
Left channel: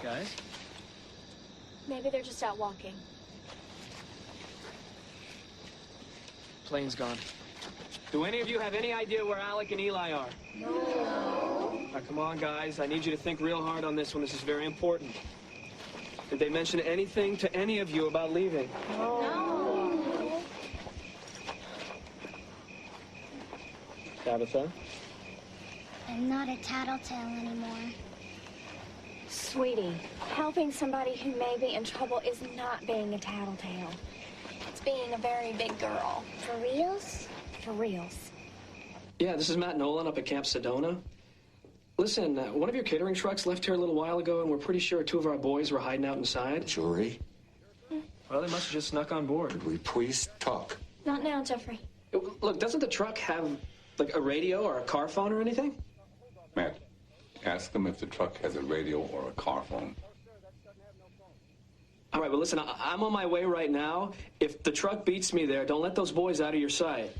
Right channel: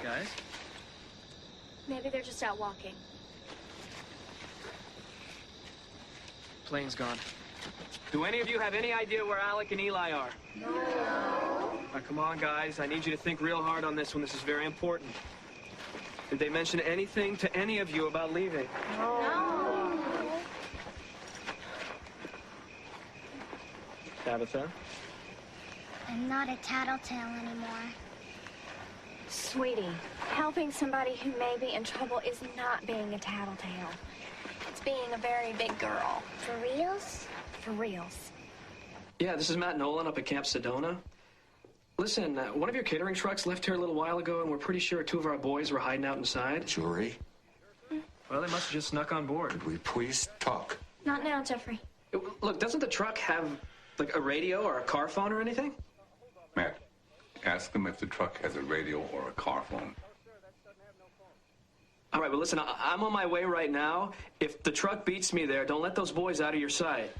Guys? Maybe they're just out walking. Plane's gone. Do any of you have any idea where Alec and Eli are? No. Now, come on, guys. I need you to think real hard on this one. This is very important. Did they mention anything to any of you about leaving? No. Tabitha? I'm not a tattletale anymore. Sweetie, helping somebody who may be in trouble is not being a tattletale. It's being a very big girl. For reals? For reals. Yeah, this is Matt Nolan up at Camp Sedona. Listen, one of your catering trucks left here a little while ago, and we're pretty sure 2 of our boys were hiding out inside. Jewelry? Well, they must have just snuck on board. Could we please talk? Not now, Jeffrey. Look, doesn't the truck have, like, a radio or a car phone or anything? Matt, ask them if the truck has a radio or a car phone. All right, well, listen, I'm on my way right now. If the truck beats me there, don't let those boys out of your sight.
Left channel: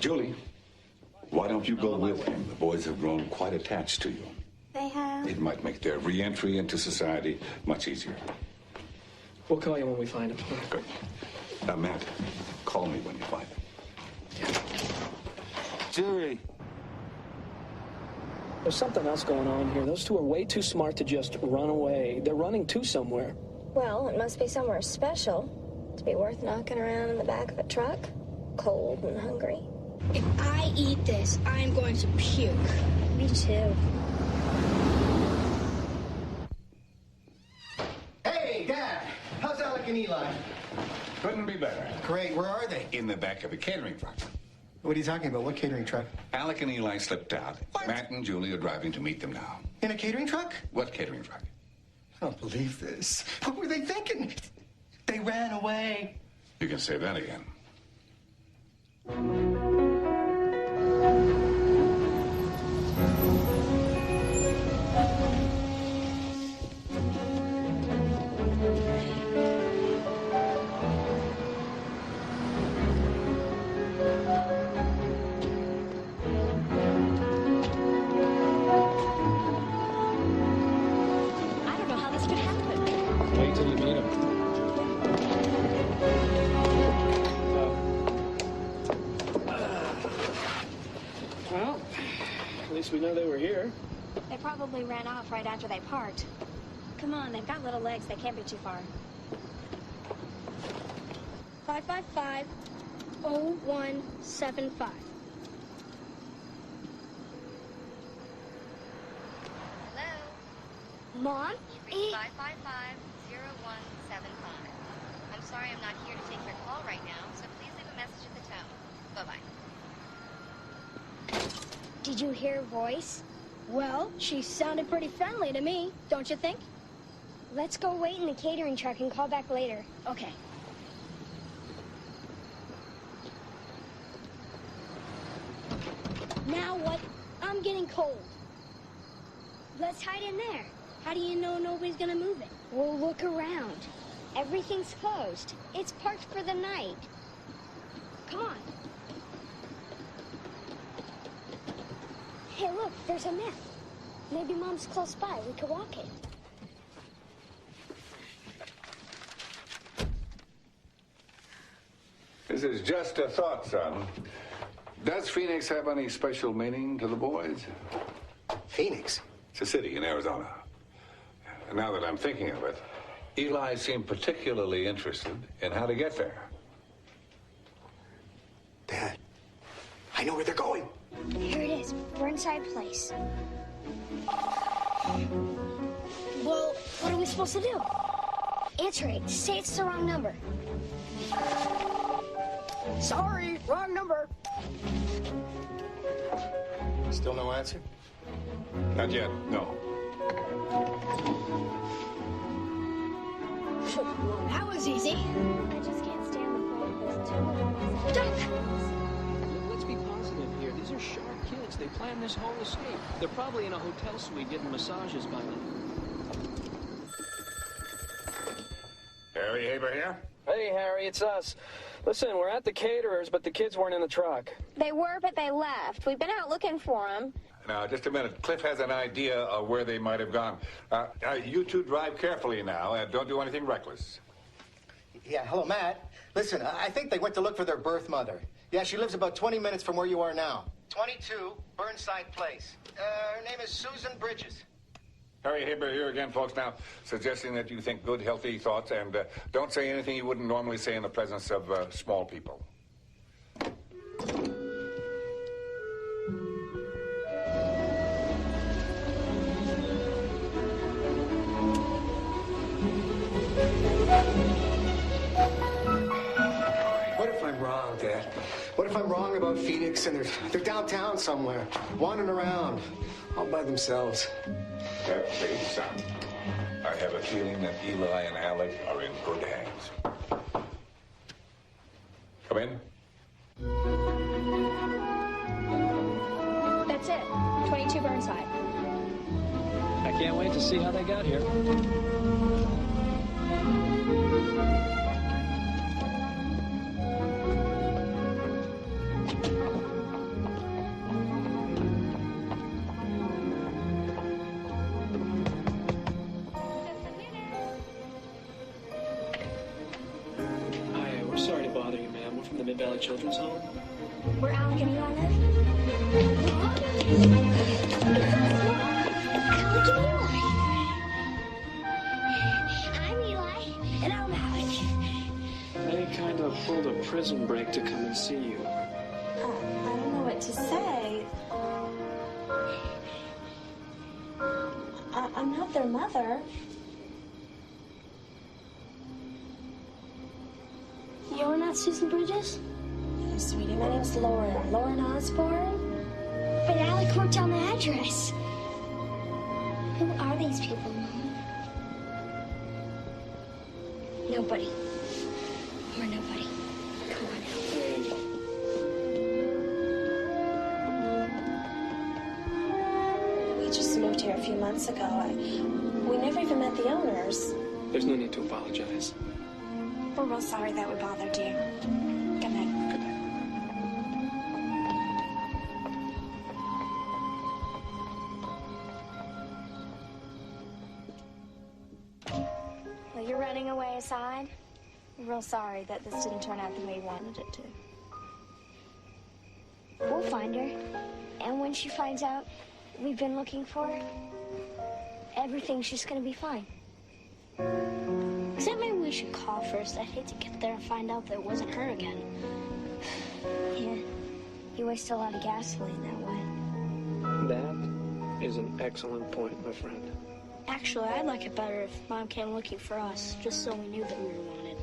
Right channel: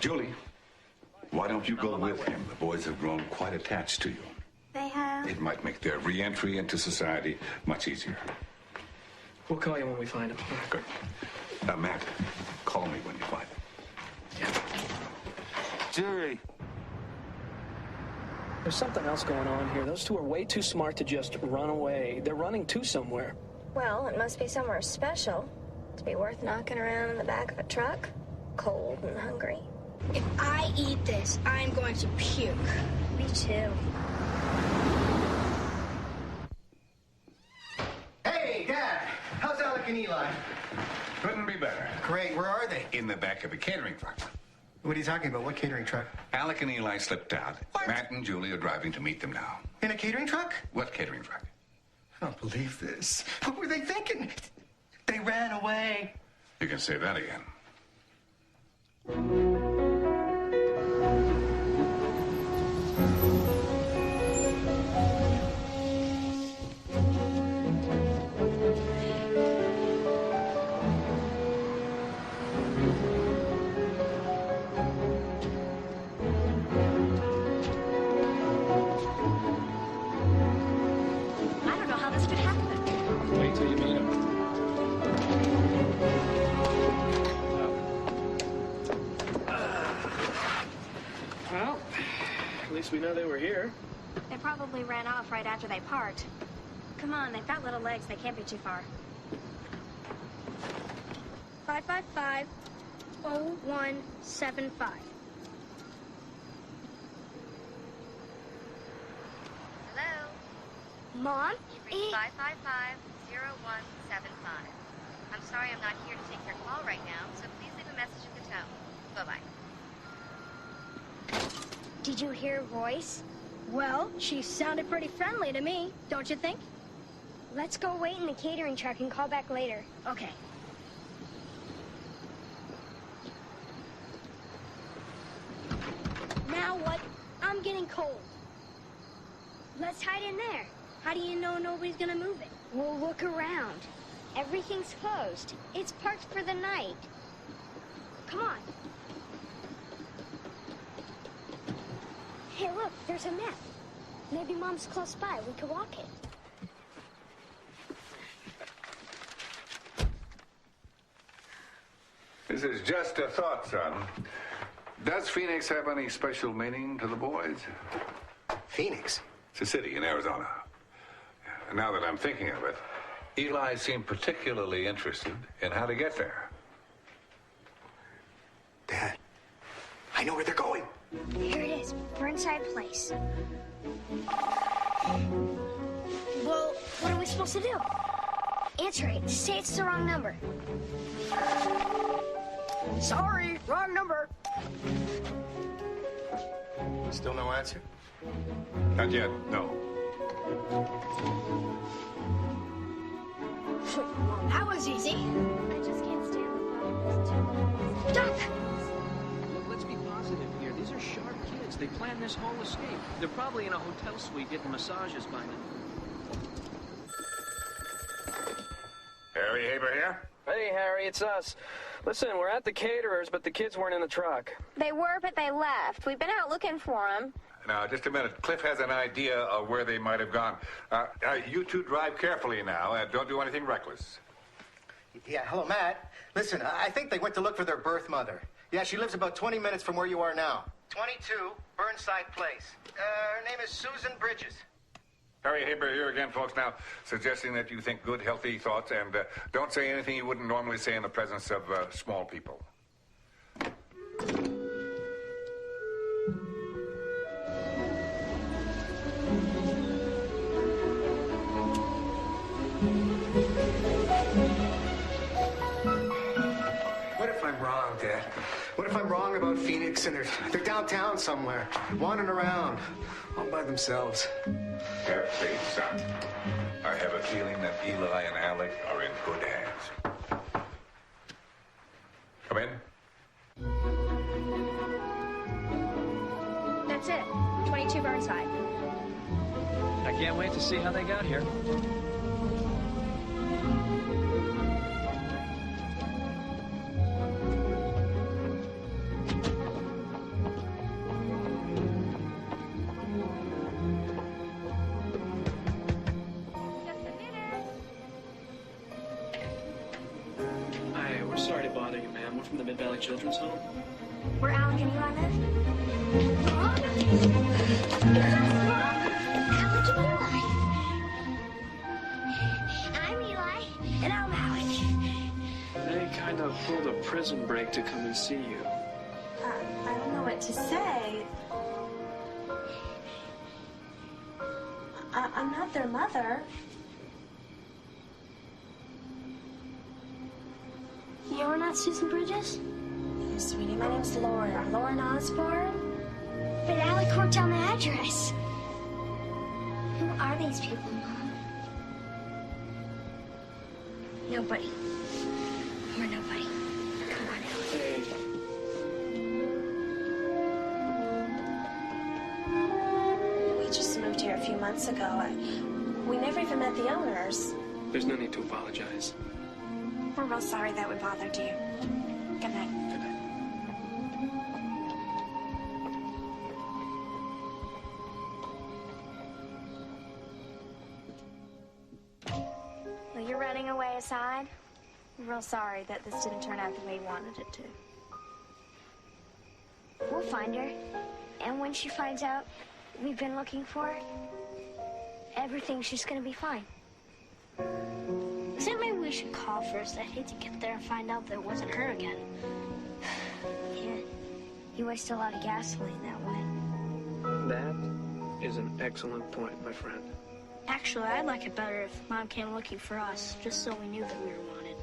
Julie, why don't you go with him? The boys have grown quite attached to you. They have? It might make their re-entry into society much easier. We'll call you when we find him. Good. Matt, call me when you find him. Yeah. Julie. There's something else going on here. Those 2 are way too smart to just run away. They're running to somewhere. Well, it must be somewhere special to be worth knocking around in the back of a truck, cold and hungry. If I eat this, I'm going to puke. Me too. Hey, Dad! How's Alec and Eli? Couldn't be better. Great. Where are they? In the back of a catering truck. What are you talking about? What catering truck? Alec and Eli slipped out. What? Matt and Julie are driving to meet them now. In a catering truck? What catering truck? I don't believe this. What were they thinking? They ran away. You can say that again. I don't know how this could happen. Wait till you meet him. Well, at least we know they were here. They probably ran off right after they parked. Come on, they've got little legs. They can't be too far. 555-0175. Hello? Mom? You've reached 555-0175. I'm sorry I'm not here to take your call right now, so please leave a message at the tone. Bye-bye. Did you hear her voice? Well, she sounded pretty friendly to me, don't you think? Let's go wait in the catering truck and call back later. Okay. Now what? I'm getting cold. Let's hide in there. How do you know nobody's gonna move it? We'll look around. Everything's closed. It's parked for the night. Come on. Hey, look, there's a map. Maybe Mom's close by. We could walk it. This is just a thought, son. Does Phoenix have any special meaning to the boys? Phoenix? It's a city in Arizona. Now that I'm thinking of it, Eli seemed particularly interested in how to get there. Dad, I know where they're going. Here it is, Burnside Place. Well, what are we supposed to do? Answer it. Say it's the wrong number. Sorry, wrong number. Still no answer? Not yet, no. That was easy. I just can't stand the thought of those two little boys out Duck! Look, let's be positive here. These are sharp kids. They planned this whole escape. They're probably in a hotel suite getting massages by now. Harry Haber here? Hey, Harry, it's us. Listen, we're at the caterers, but the kids weren't in the truck. They were, but they left. We've been out looking for them. Now, just a minute. Cliff has an idea of where they might have gone. You two drive carefully now. Don't do anything reckless. Yeah, hello, Matt. Listen, I think they went to look for their birth mother. Yeah, she lives about 20 minutes from where you are now. 22 Burnside Place. Her name is Susan Bridges. Harry Haber here again, folks, now suggesting that you think good, healthy thoughts and don't say anything you wouldn't normally say in the presence of small people. What if I'm wrong, Dad? What if I'm wrong about Phoenix and they're downtown somewhere, wandering around, all by themselves? Have faith, son. I have a feeling that Eli and Alec are in good hands. Come in. That's it. 22 Burnside. I can't wait to see how they got here. We're sorry to bother you, ma'am. We're from the Mid-Valley Children's Home. Where Alec and Eli live? Mom? Yes, Mom. Alec and Eli. I'm Eli. And I'm Alec. They kind of pulled a prison break to come and see you. I don't know what to say. I'm not their mother. You're not Susan Bridges? Oh, sweetie, my name's Lauren. Lauren Osborne? But Alec wrote down the address. Who are these people, Mom? Nobody. We're nobody. Come on, Alec. Hey. We just moved here a few months ago. We never even met the owners. There's no need to apologize. We're real sorry that we bothered you. Good night. Good night. Well, you're running away aside. We're real sorry that this didn't turn out the way you wanted it to. We'll find her. And when she finds out we've been looking for her, everything's just gonna be fine. Except maybe we should call first. I'd hate to get there and find out that it wasn't her again. Yeah, you waste a lot of gasoline that way. That is an excellent point, my friend. Actually, I'd like it better if Mom came looking for us, just so we knew that we were wanted.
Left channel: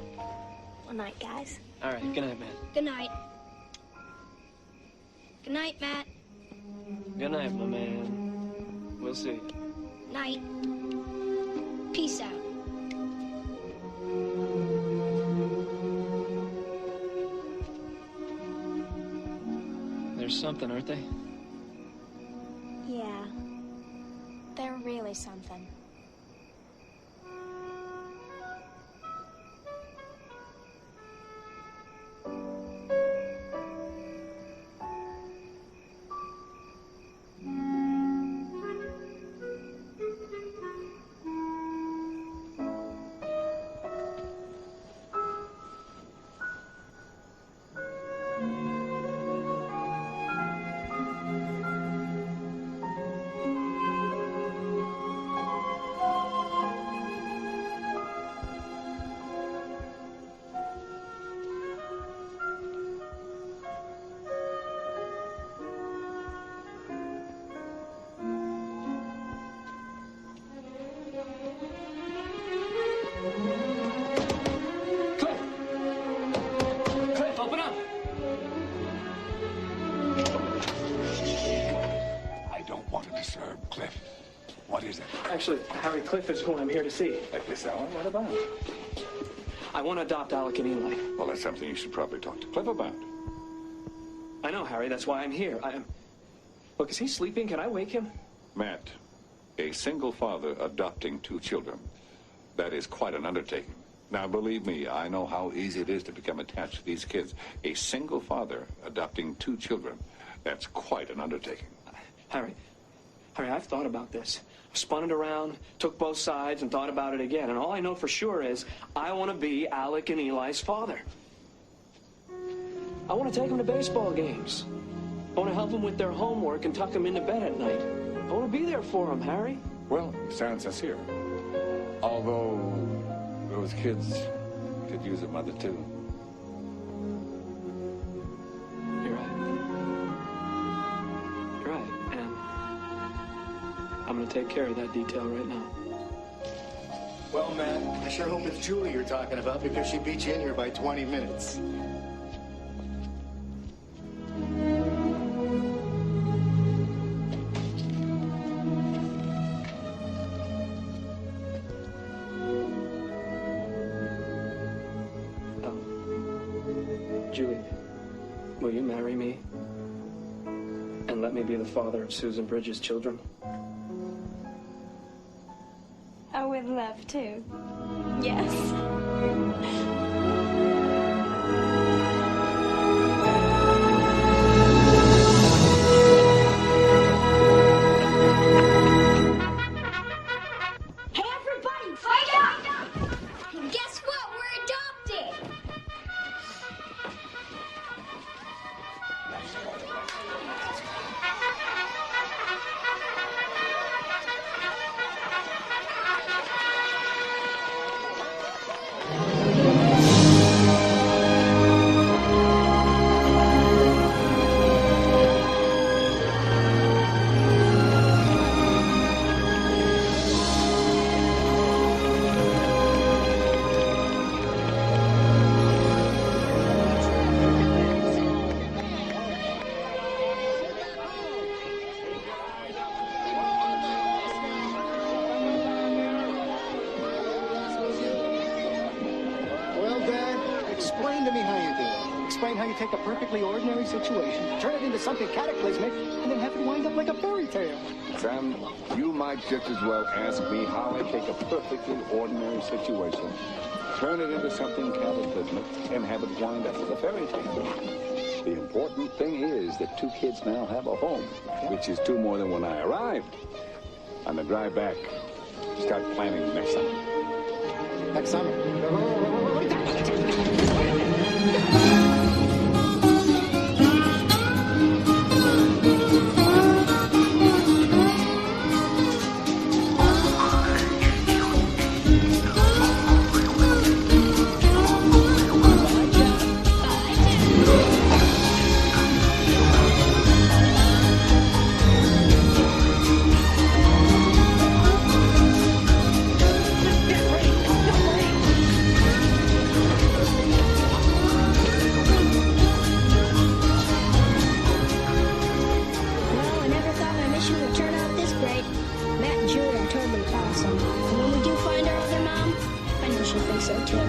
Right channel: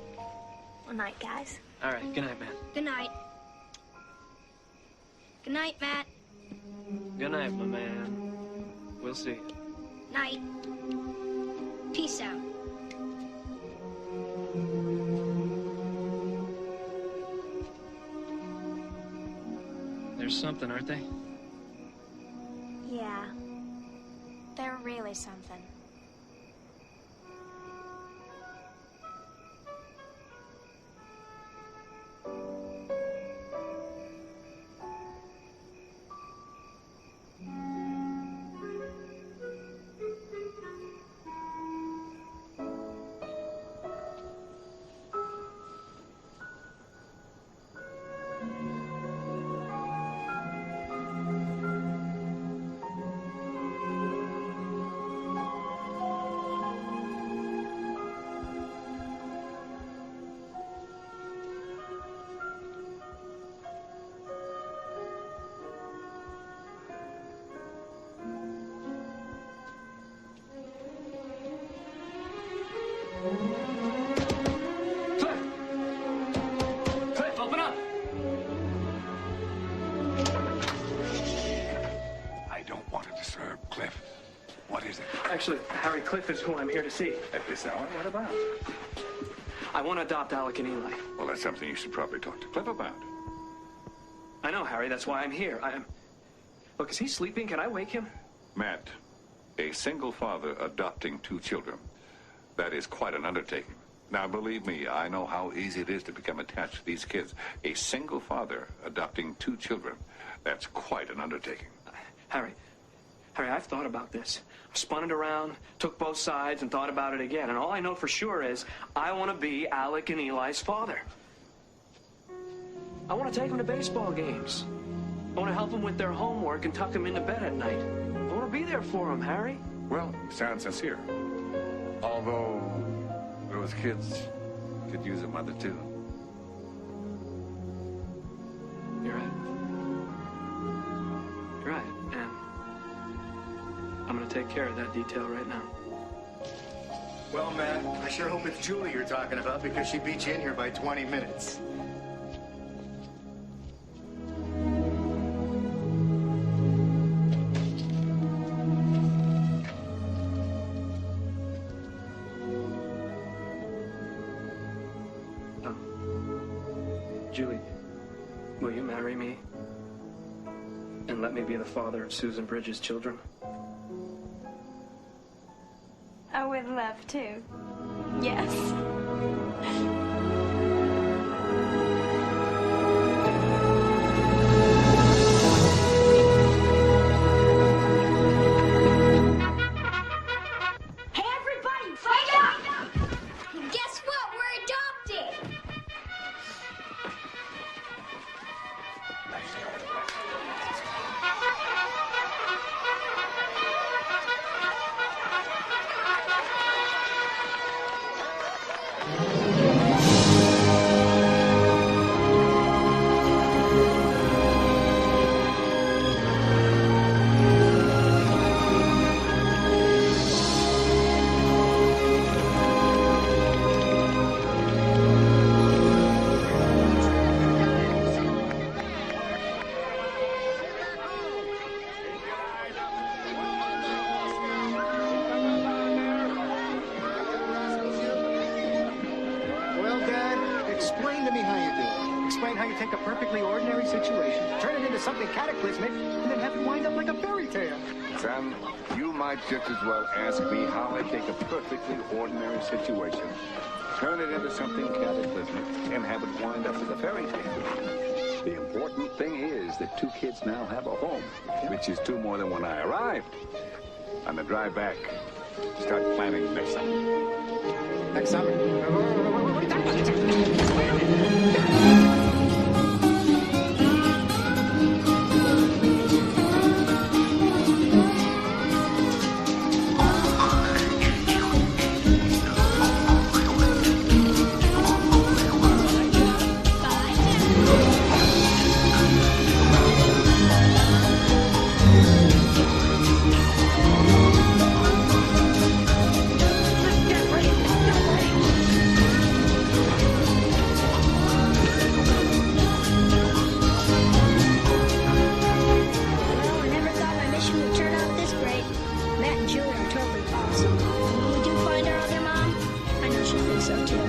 Good night, guys. All right, good night, man. Good night. Good night, Matt. Good night, my man. We'll see you. Night. Peace out. There's something, aren't they? Yeah. They're really something. Open up! I don't want to disturb Cliff. What is it? Actually, Harry, Cliff is who I'm here to see. At this hour? What about? I want to adopt Alec and Eli. Well, that's something you should probably talk to Cliff about. I know, Harry. That's why I'm here. Look, is he sleeping? Can I wake him? Matt, a single father adopting 2 children. That is quite an undertaking. Now, believe me, I know how easy it is to become attached to these kids. A single father adopting 2 children, that's quite an undertaking. Harry, I've thought about this. I've spun it around, took both sides, and thought about it again. And all I know for sure is I want to be Alec and Eli's father. I want to take them to baseball games. I want to help them with their homework and tuck them into bed at night. I want to be there for them, Harry. Well, you sound sincere. Although those kids could use a mother, too. You're right. You're right, and I'm going to take care of that detail right now. Well, Matt, I sure hope it's Julie you're talking about, because she beat you in here by 20 minutes. Julie, will you marry me and let me be the father of Susan Bridges' children? I would love to. Yes. Hey, everybody, wake up! Guess what? We're adopted! Explain to me how you do it. Explain how you take a perfectly ordinary situation, turn it into something cataclysmic, and then have it wind up like a fairy tale. Sam, you might just as well ask me how I take a perfectly ordinary situation, turn it into something cataclysmic, and have it wind up as a fairy tale. The important thing is that two kids now have a home, which is two more than when I arrived. On the drive back, start planning next summer. Next summer? What are you talking about? Wait a minute! Bye, Joe. Bye, Joe. Well, I never thought my mission would turn out this great. Matt and Julie are totally awesome. And when we do find our other mom, I know she'll think so too.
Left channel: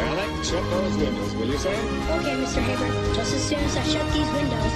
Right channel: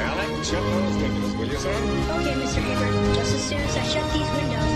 Alec, shut those windows, will you, son? Okay, Mr. Haber. Just as soon as I shut these windows.